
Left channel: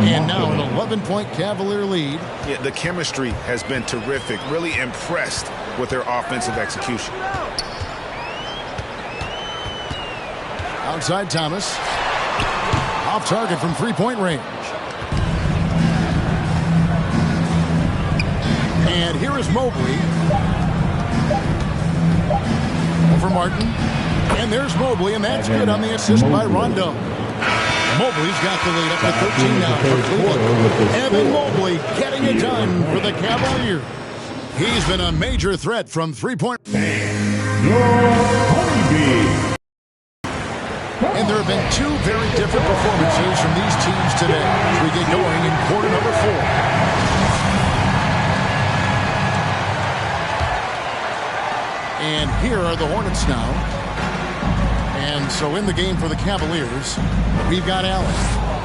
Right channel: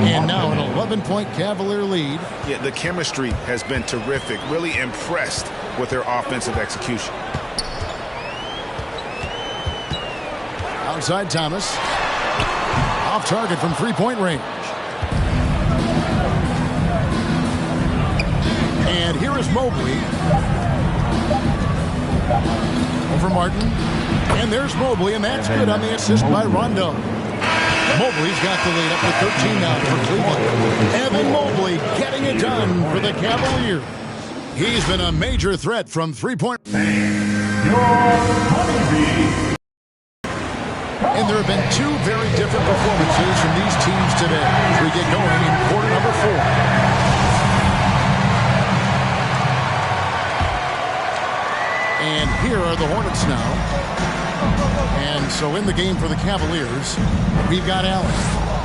And now an 11-point Cavalier lead. Yeah, the chemistry has been terrific. Really impressed with their offensive execution. Outside Thomas. Off target from three-point range. And here is Mobley. Over Martin. And there's Mobley, and that's good on the assist by Rondo. Mobley's got the lead up to 13 now for Cleveland. Evan Mobley getting it done for the Cavaliers. He's been a major threat from three-point. And there have been two very different performances from these teams today as we get going in quarter number 4. And here are the Hornets now. And so in the game for the Cavaliers, we've got Allen.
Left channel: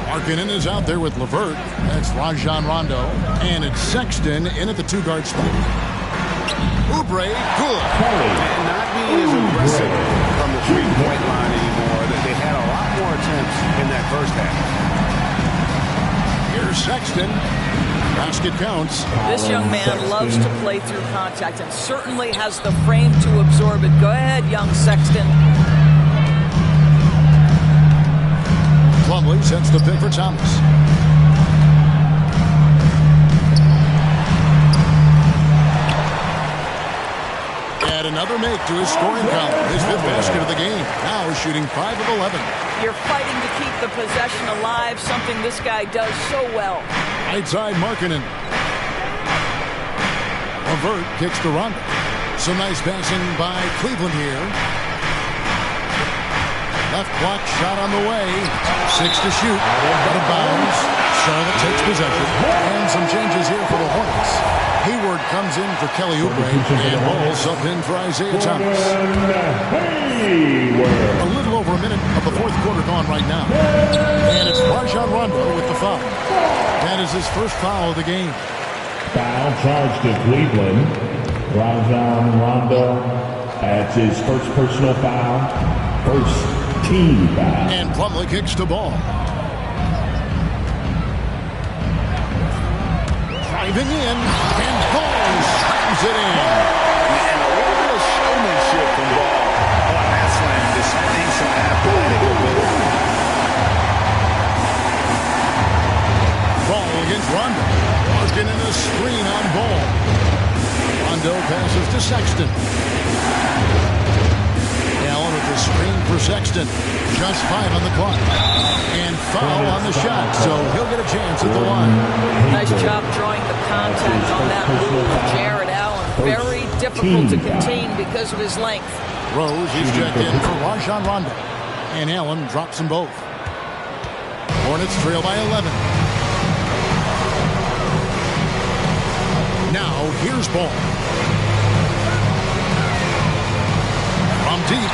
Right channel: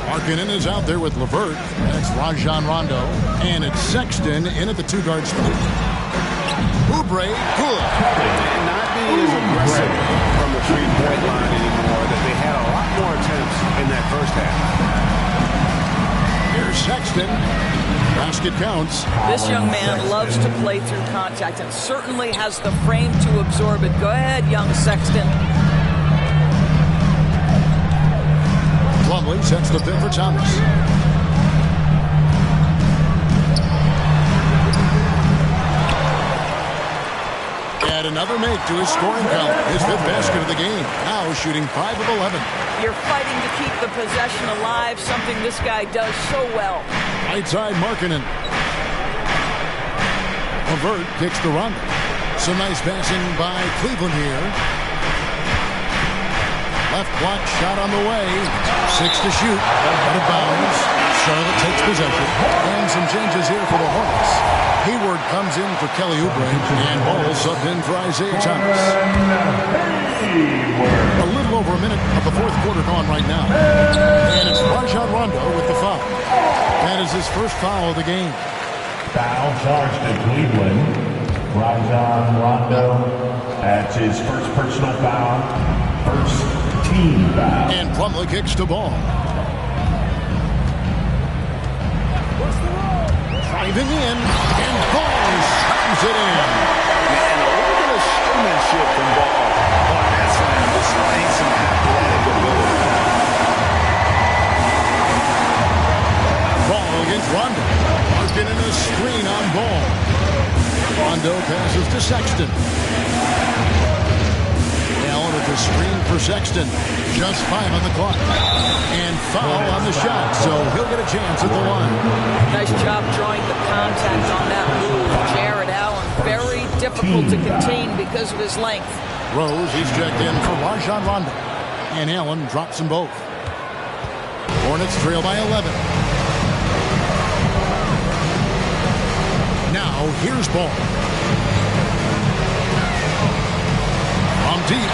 Markkanen is out there with LeVert. That's Rajon Rondo. And it's Sexton in at the two-guard spot. Oubre, good. And not being as aggressive from the three-point line anymore. They had a lot more attempts in that first half. Here's Sexton. Basket counts. This young man loves to play through contact and certainly has the frame to absorb it. Go ahead, young Sexton. Plumlee sets the pick for Thomas. Add another make to his scoring column. His 5th basket of the game. Now shooting 5 of 11. You're fighting to keep the possession alive, something this guy does so well. Right side, Markkanen. LeVert kicks to Rondo. Some nice passing by Cleveland here. Left block shot on the way. 6 to shoot. Out of bounds. Charlotte takes possession. And some changes here for the Hornets. Hayward comes in for Kelly Oubre. And Ball subbed in for Isaiah Thomas. A little over a minute of the fourth quarter gone right now. And it's Rajon Rondo with the foul. That is his first foul of the game. Foul charged to Cleveland. Rajon Rondo. That's his first personal foul. First team foul. And Plumlee kicks the ball. Driving in, and Ball slams it in. And a little bit of showmanship from Ball on that slam, displaying some athletic ability. Ball against Rondo. Marking in a screen on Ball. Rondo passes to Sexton. Allen with the screen for Sexton. Just 5 on the clock. And foul on the shot, so he'll get a chance at the line. Nice job drawing the contact on that move. Jared Allen, very difficult to contain because of his length. Rose, he's checked in for Rajon Rondo. And Allen drops them both. Hornets trail by 11. Now, here's Ball. From deep.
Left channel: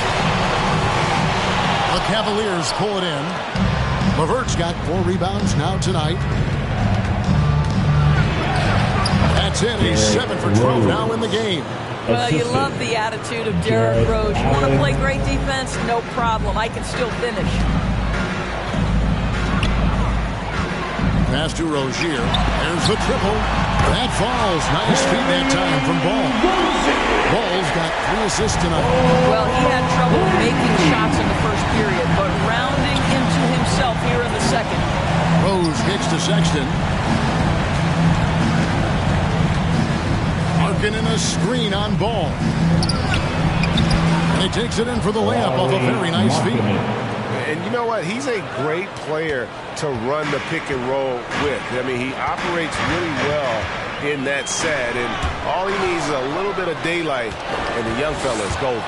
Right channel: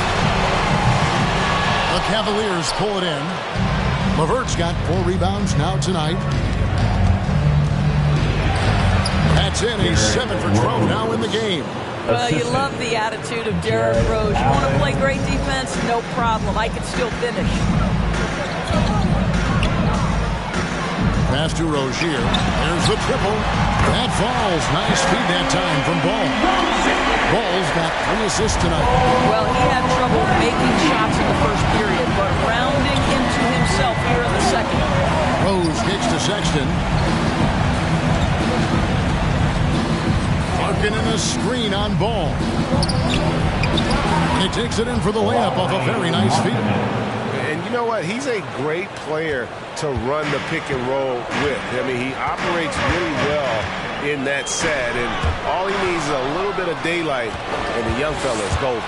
The Cavaliers pull it in. LeVert's got 4 rebounds now tonight. That's it. He's 7 for 12 now in the game. Well, you love the attitude of Derrick Rose. You want to play great defense? No problem. I can still finish. Pass to Rozier. There's the triple. That falls. Nice feed that time from Ball. Ball's got 3 assists tonight. Well, he had trouble making shots in the first period, but rounding into himself here in the second. Rose kicks to Sexton. Marking in a screen on Ball. And he takes it in for the layup off a very nice feed. And you know what? He's a great player to run the pick and roll with. I mean, he operates really well in that set, and all he needs is a little bit of daylight, and the young fella is golden.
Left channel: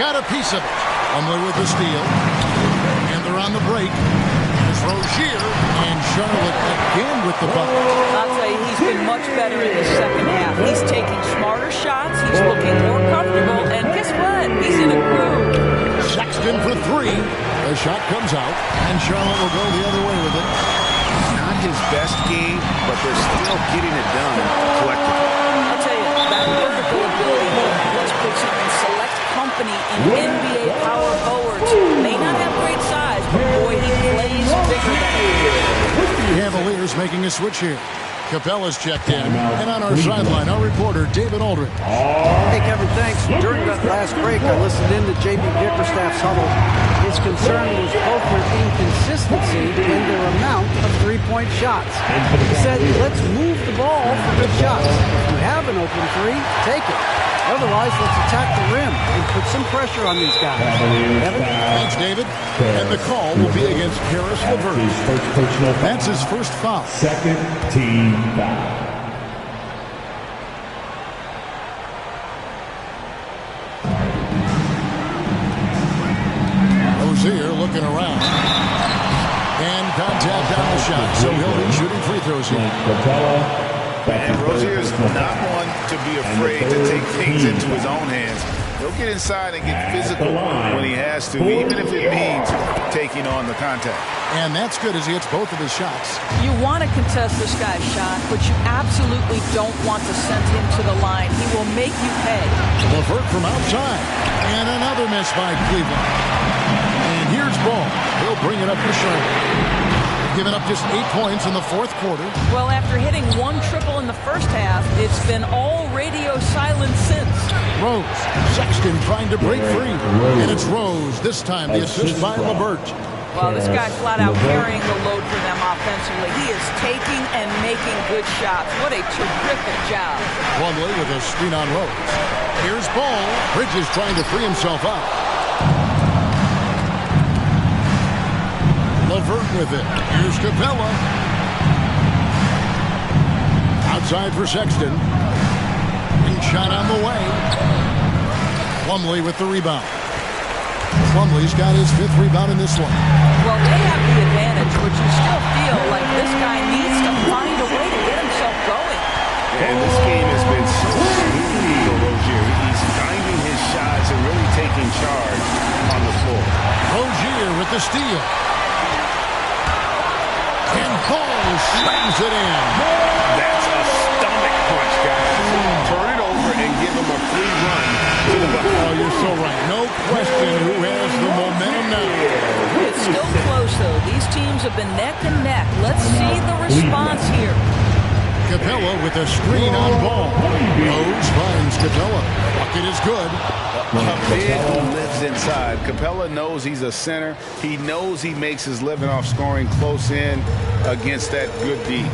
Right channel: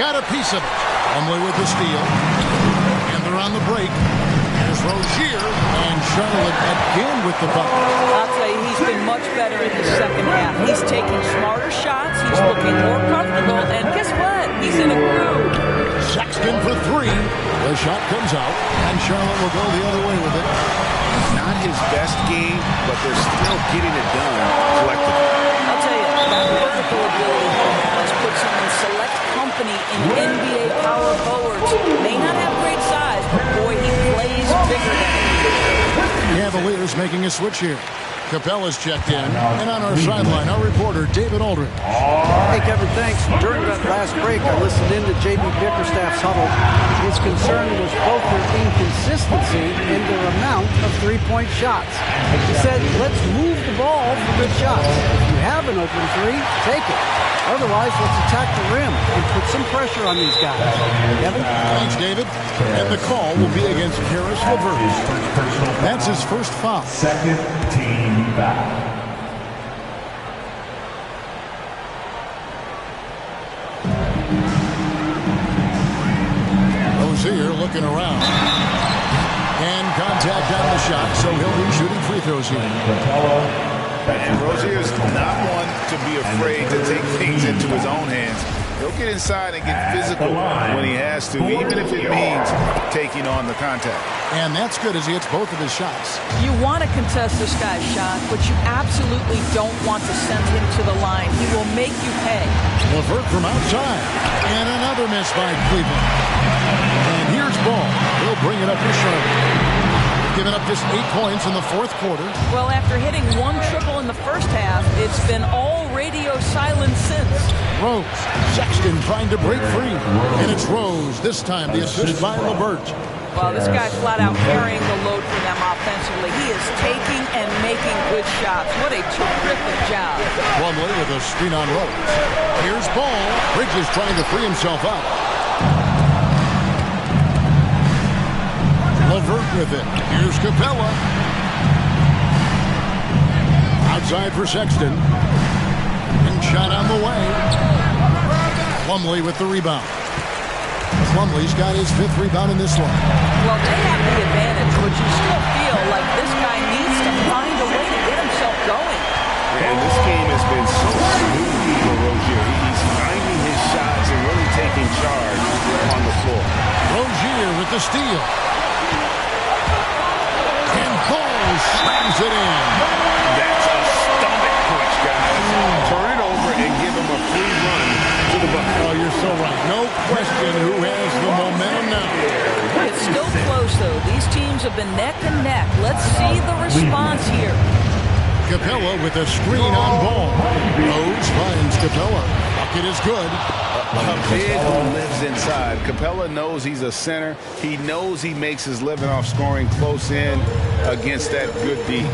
Got a piece of it. Plumlee with the steal. And they're on the break. Here's Rozier, and Charlotte again with the bucket. I'll tell you, he's been much better in the second half. He's taking smarter shots. He's looking more comfortable. And guess what? He's in a groove. Sexton for three. The shot comes out, and Charlotte will go the other way with it. Not his best game, but they're still getting it done collectively. I'll tell you, that vertical ability he has puts him in select company in NBA power forwards. May not have great size, but boy, he plays bigger than it. Cavaliers making a switch here. Capella's checked in, and on our sideline, our reporter, David Aldridge. Hey, Kevin, thanks. During that last break, I listened in to J.B. Bickerstaff's huddle. His concern was both their inconsistency and their amount of three-point shots. He said, let's move the ball for good shots. If you have an open three, take it. Otherwise, let's attack the rim and put some pressure on these guys. Kevin? Thanks, David. And the call will be against Karis LeVert. That's his first foul. Second team foul. Rozier looking around. And contact on the shot, so he'll be shooting free throws here. And Rozier's not one to be afraid to take things into his own hands. He'll get inside and get physical when he has to, even if it means taking on the contact. And that's good as he hits both of his shots. You want to contest this guy's shot, but you absolutely don't want to send him to the line. He will make you pay. LeVert from outside. And another miss by Cleveland. And here's Ball. He'll bring it up for Charlotte. Given up just 8 points in the fourth quarter. Well, after hitting one triple in the first half, it's been all radio silence since. Rose. Sexton trying to break free. And it's Rose. This time the assist by LeVert. Well, this guy flat out carrying the load for them offensively. He is taking and making good shots. What a terrific job. Plumlee with a screen on Rose. Here's Ball. Bridges trying to free himself up. LeVert with it. Here's Capella. Outside for Sexton. Ring shot on the way. Plumlee with the rebound. Plumlee's got his 5th rebound in this one. Well, they have the advantage, but you still feel like this guy needs to find a way to get himself going. And this game has been so smooth for Rozier. He's finding his shots and really taking charge on the floor. Rozier with the steal. And Ball slams it in. That's a stomach punch, guys. Turn it over and give him a free run to the bucket. Oh, you're so right. No question who has the momentum now. It's still close, though. These teams have been neck and neck. Let's see the response here. Capella with a screen on Ball. Rose finds Capella. Bucket is good. A big who lives inside. Capella knows he's a center. He knows he makes his living off scoring close in against that good D.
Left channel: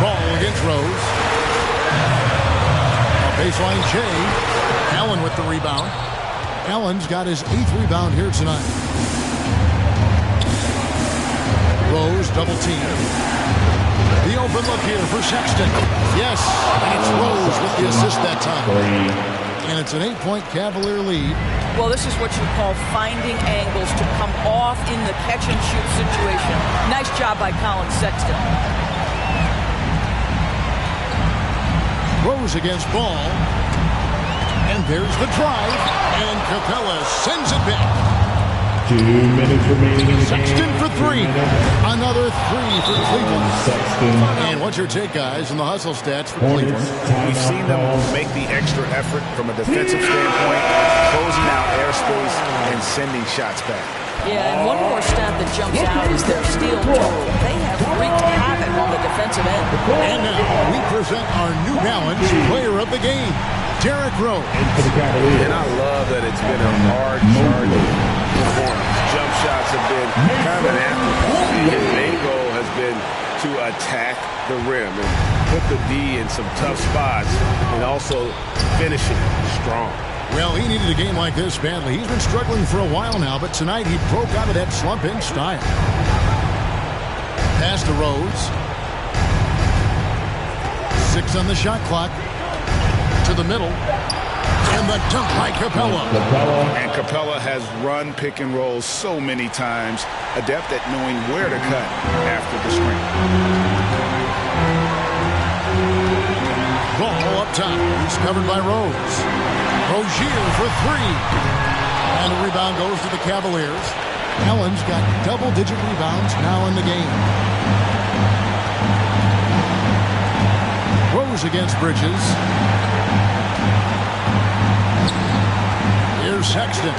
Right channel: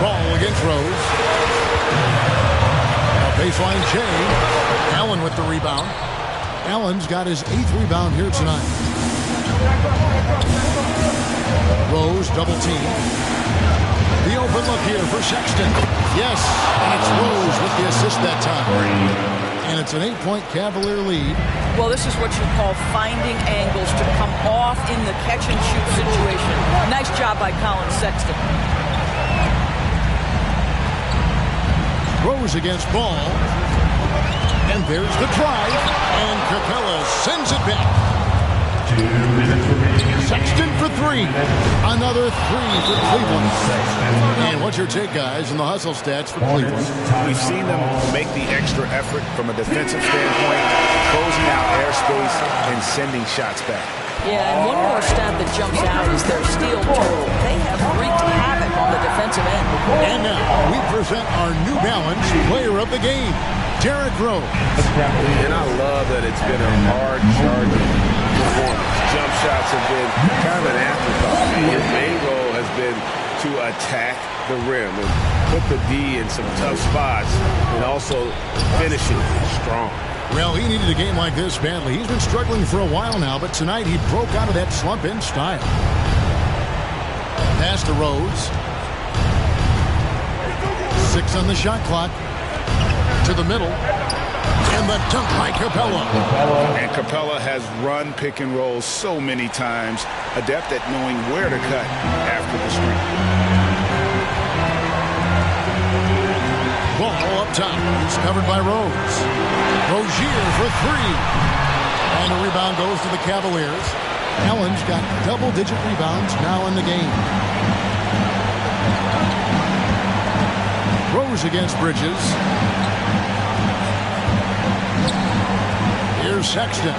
Ball against Rose. A baseline Jay. Allen with the rebound. Allen's got his 8th rebound here tonight. Rose double team. The open look here for Sexton. Yes, and it's Rose with the assist that time. And it's an 8-point Cavalier lead. Well, this is what you call finding angles to come off in the catch-and-shoot situation. Nice job by Colin Sexton. Rose against Ball. And there's the drive. And Capella sends it back. 2 minutes remaining in the Sexton game. for 3. Another 3 for Cleveland. Sexton. And what's your take, guys, in the hustle stats for Cleveland? We've seen them make the extra effort from a defensive standpoint, closing out airspace and sending shots back. Yeah, and one more stat that jumps out is their steal total. They have wreaked havoc on the defensive end. And now we present our New Balance Player of the Game, Derrick Rose. And I love that it's been a hard-charging performance. Jump shots have been kind of an afterthought. His main goal has been to attack the rim and put the D in some tough spots and also finishing strong. Well, he needed a game like this badly. He's been struggling for a while now, but tonight he broke out of that slump in style. Pass to Rose. 6 on the shot clock. To the middle. And the dunk by Capella. And Capella has run pick and roll so many times. Adept at knowing where to cut after the screen. Ball up top. He's covered by Rose. Rozier for 3. And a rebound goes to the Cavaliers. Allen's got double-digit rebounds now in the game. Rose against Bridges. Here's Sexton.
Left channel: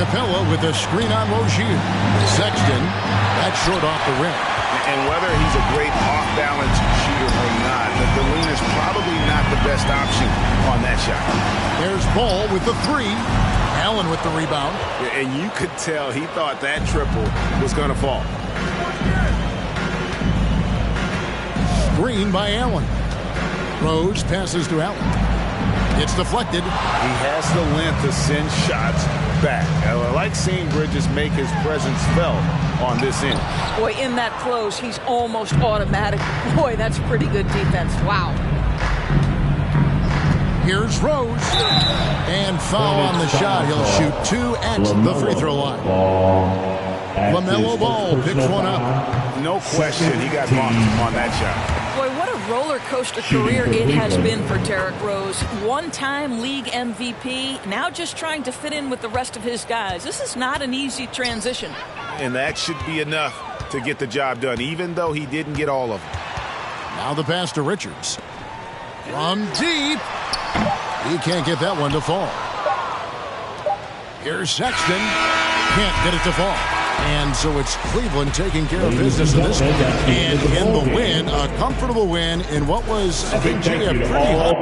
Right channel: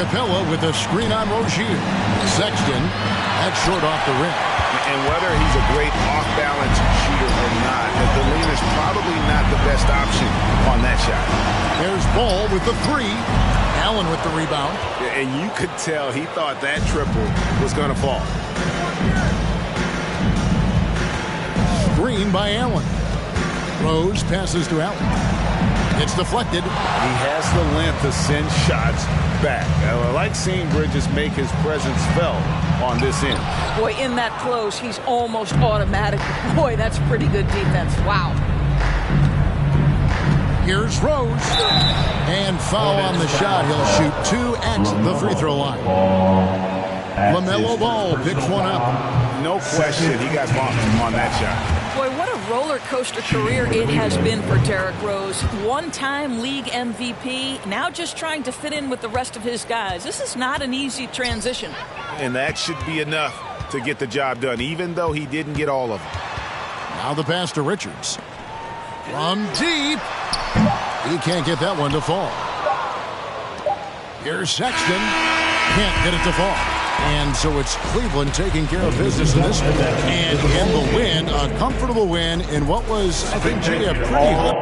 Capella with a screen on Rozier. Sexton, that's short off the rim. And whether he's a great off-balance shooter or not, the leaner's probably not the best option on that shot. There's Ball with the 3. Allen with the rebound. And you could tell he thought that triple was going to fall. Screen by Allen. Rose passes to Allen. It's deflected. He has the length to send shots back. I like seeing Bridges make his presence felt on this end. Boy, in that close, he's almost automatic. Boy, that's pretty good defense. Wow. Here's Rose. And foul on the shot. He'll shoot 2 at the free throw line. LaMelo Ball picks one up. No question he got bumped on that shot. Boy, what a roller coaster career it has been for Derrick Rose. One-time league MVP, now just trying to fit in with the rest of his guys. This is not an easy transition. And that should be enough to get the job done, even though he didn't get all of them. Now the pass to Richards. From deep. He can't get that one to fall. Here's Sexton. Can't get it to fall. And so it's Cleveland taking care of business in this one. And in the win, a comfortable win in what was, I think, Jay, a pretty hot.